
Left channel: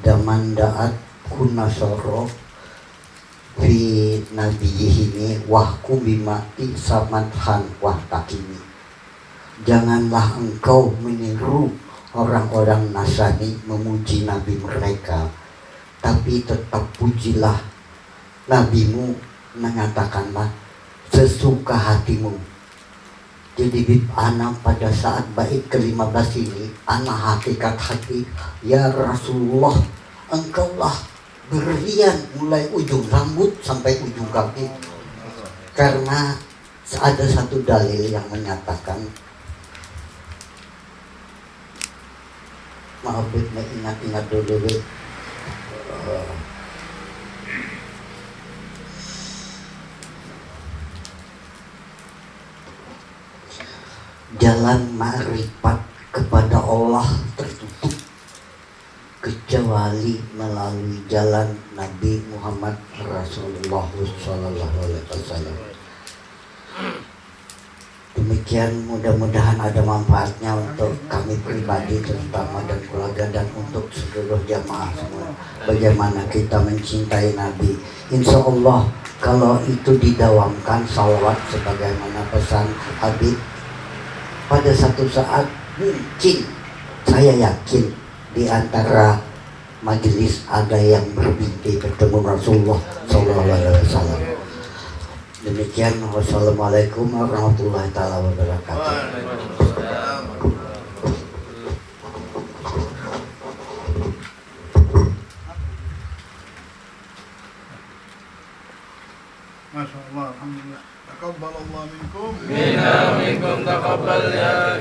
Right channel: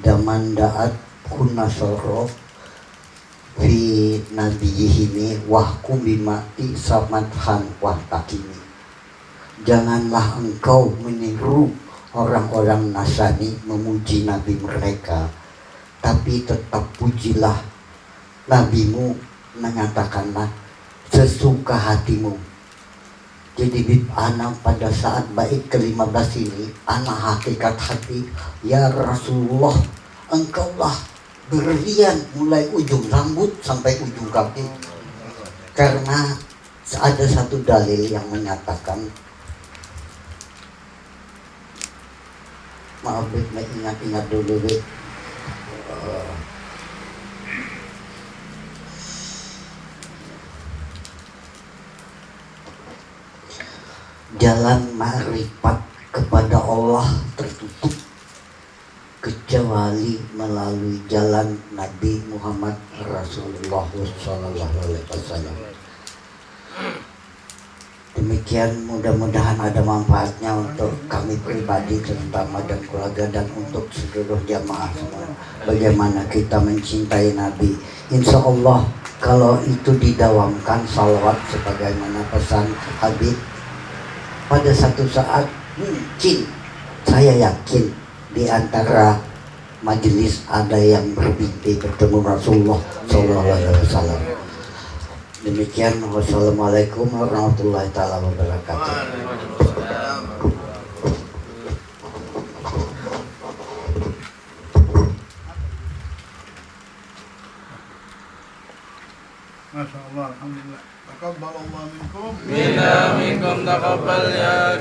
damanda'at kunasoro fi nabiyihini wahku bimati samadhan wahtakimi. Janganlah engkau meniru orang-orang Nasrani memuji nabi mereka, tapi tetap pujilah nabimu, mengatakanlah sesuka hatimu. Jadi bib anak pada saat bait ke-15 ini, anak hakikat hati, ya Rasulullah, engkaulah berlian mulai ujung rambut sampai ujung kaki. Karena Ada satu dalil yang menyatakan, maaf ingat dulu jalan ma'rifat kepada Allah tertutup kecuali melalui jalan Nabi Muhammad Rasulullah SAW. Demikian, mudah-mudahan ada manfaatnya untuk kami pribadi terutama dan keluarga dan untuk seluruh jamaah semua. Bagaimana kita mencintai Nabi. Insya Allah kalau itu didawamkan salawat sebagaimana pesan Habib, pada satu saat mungkin saya yakin di antara majelis ada yang bermimpi bertemu Rasulullah SAW. Demikian, wassalamualaikum warahmatullahi taala wabarakatuh. Masya Allah, alhamdulillah. Taqabbalallah minkum. Minna minkum taqabbal ya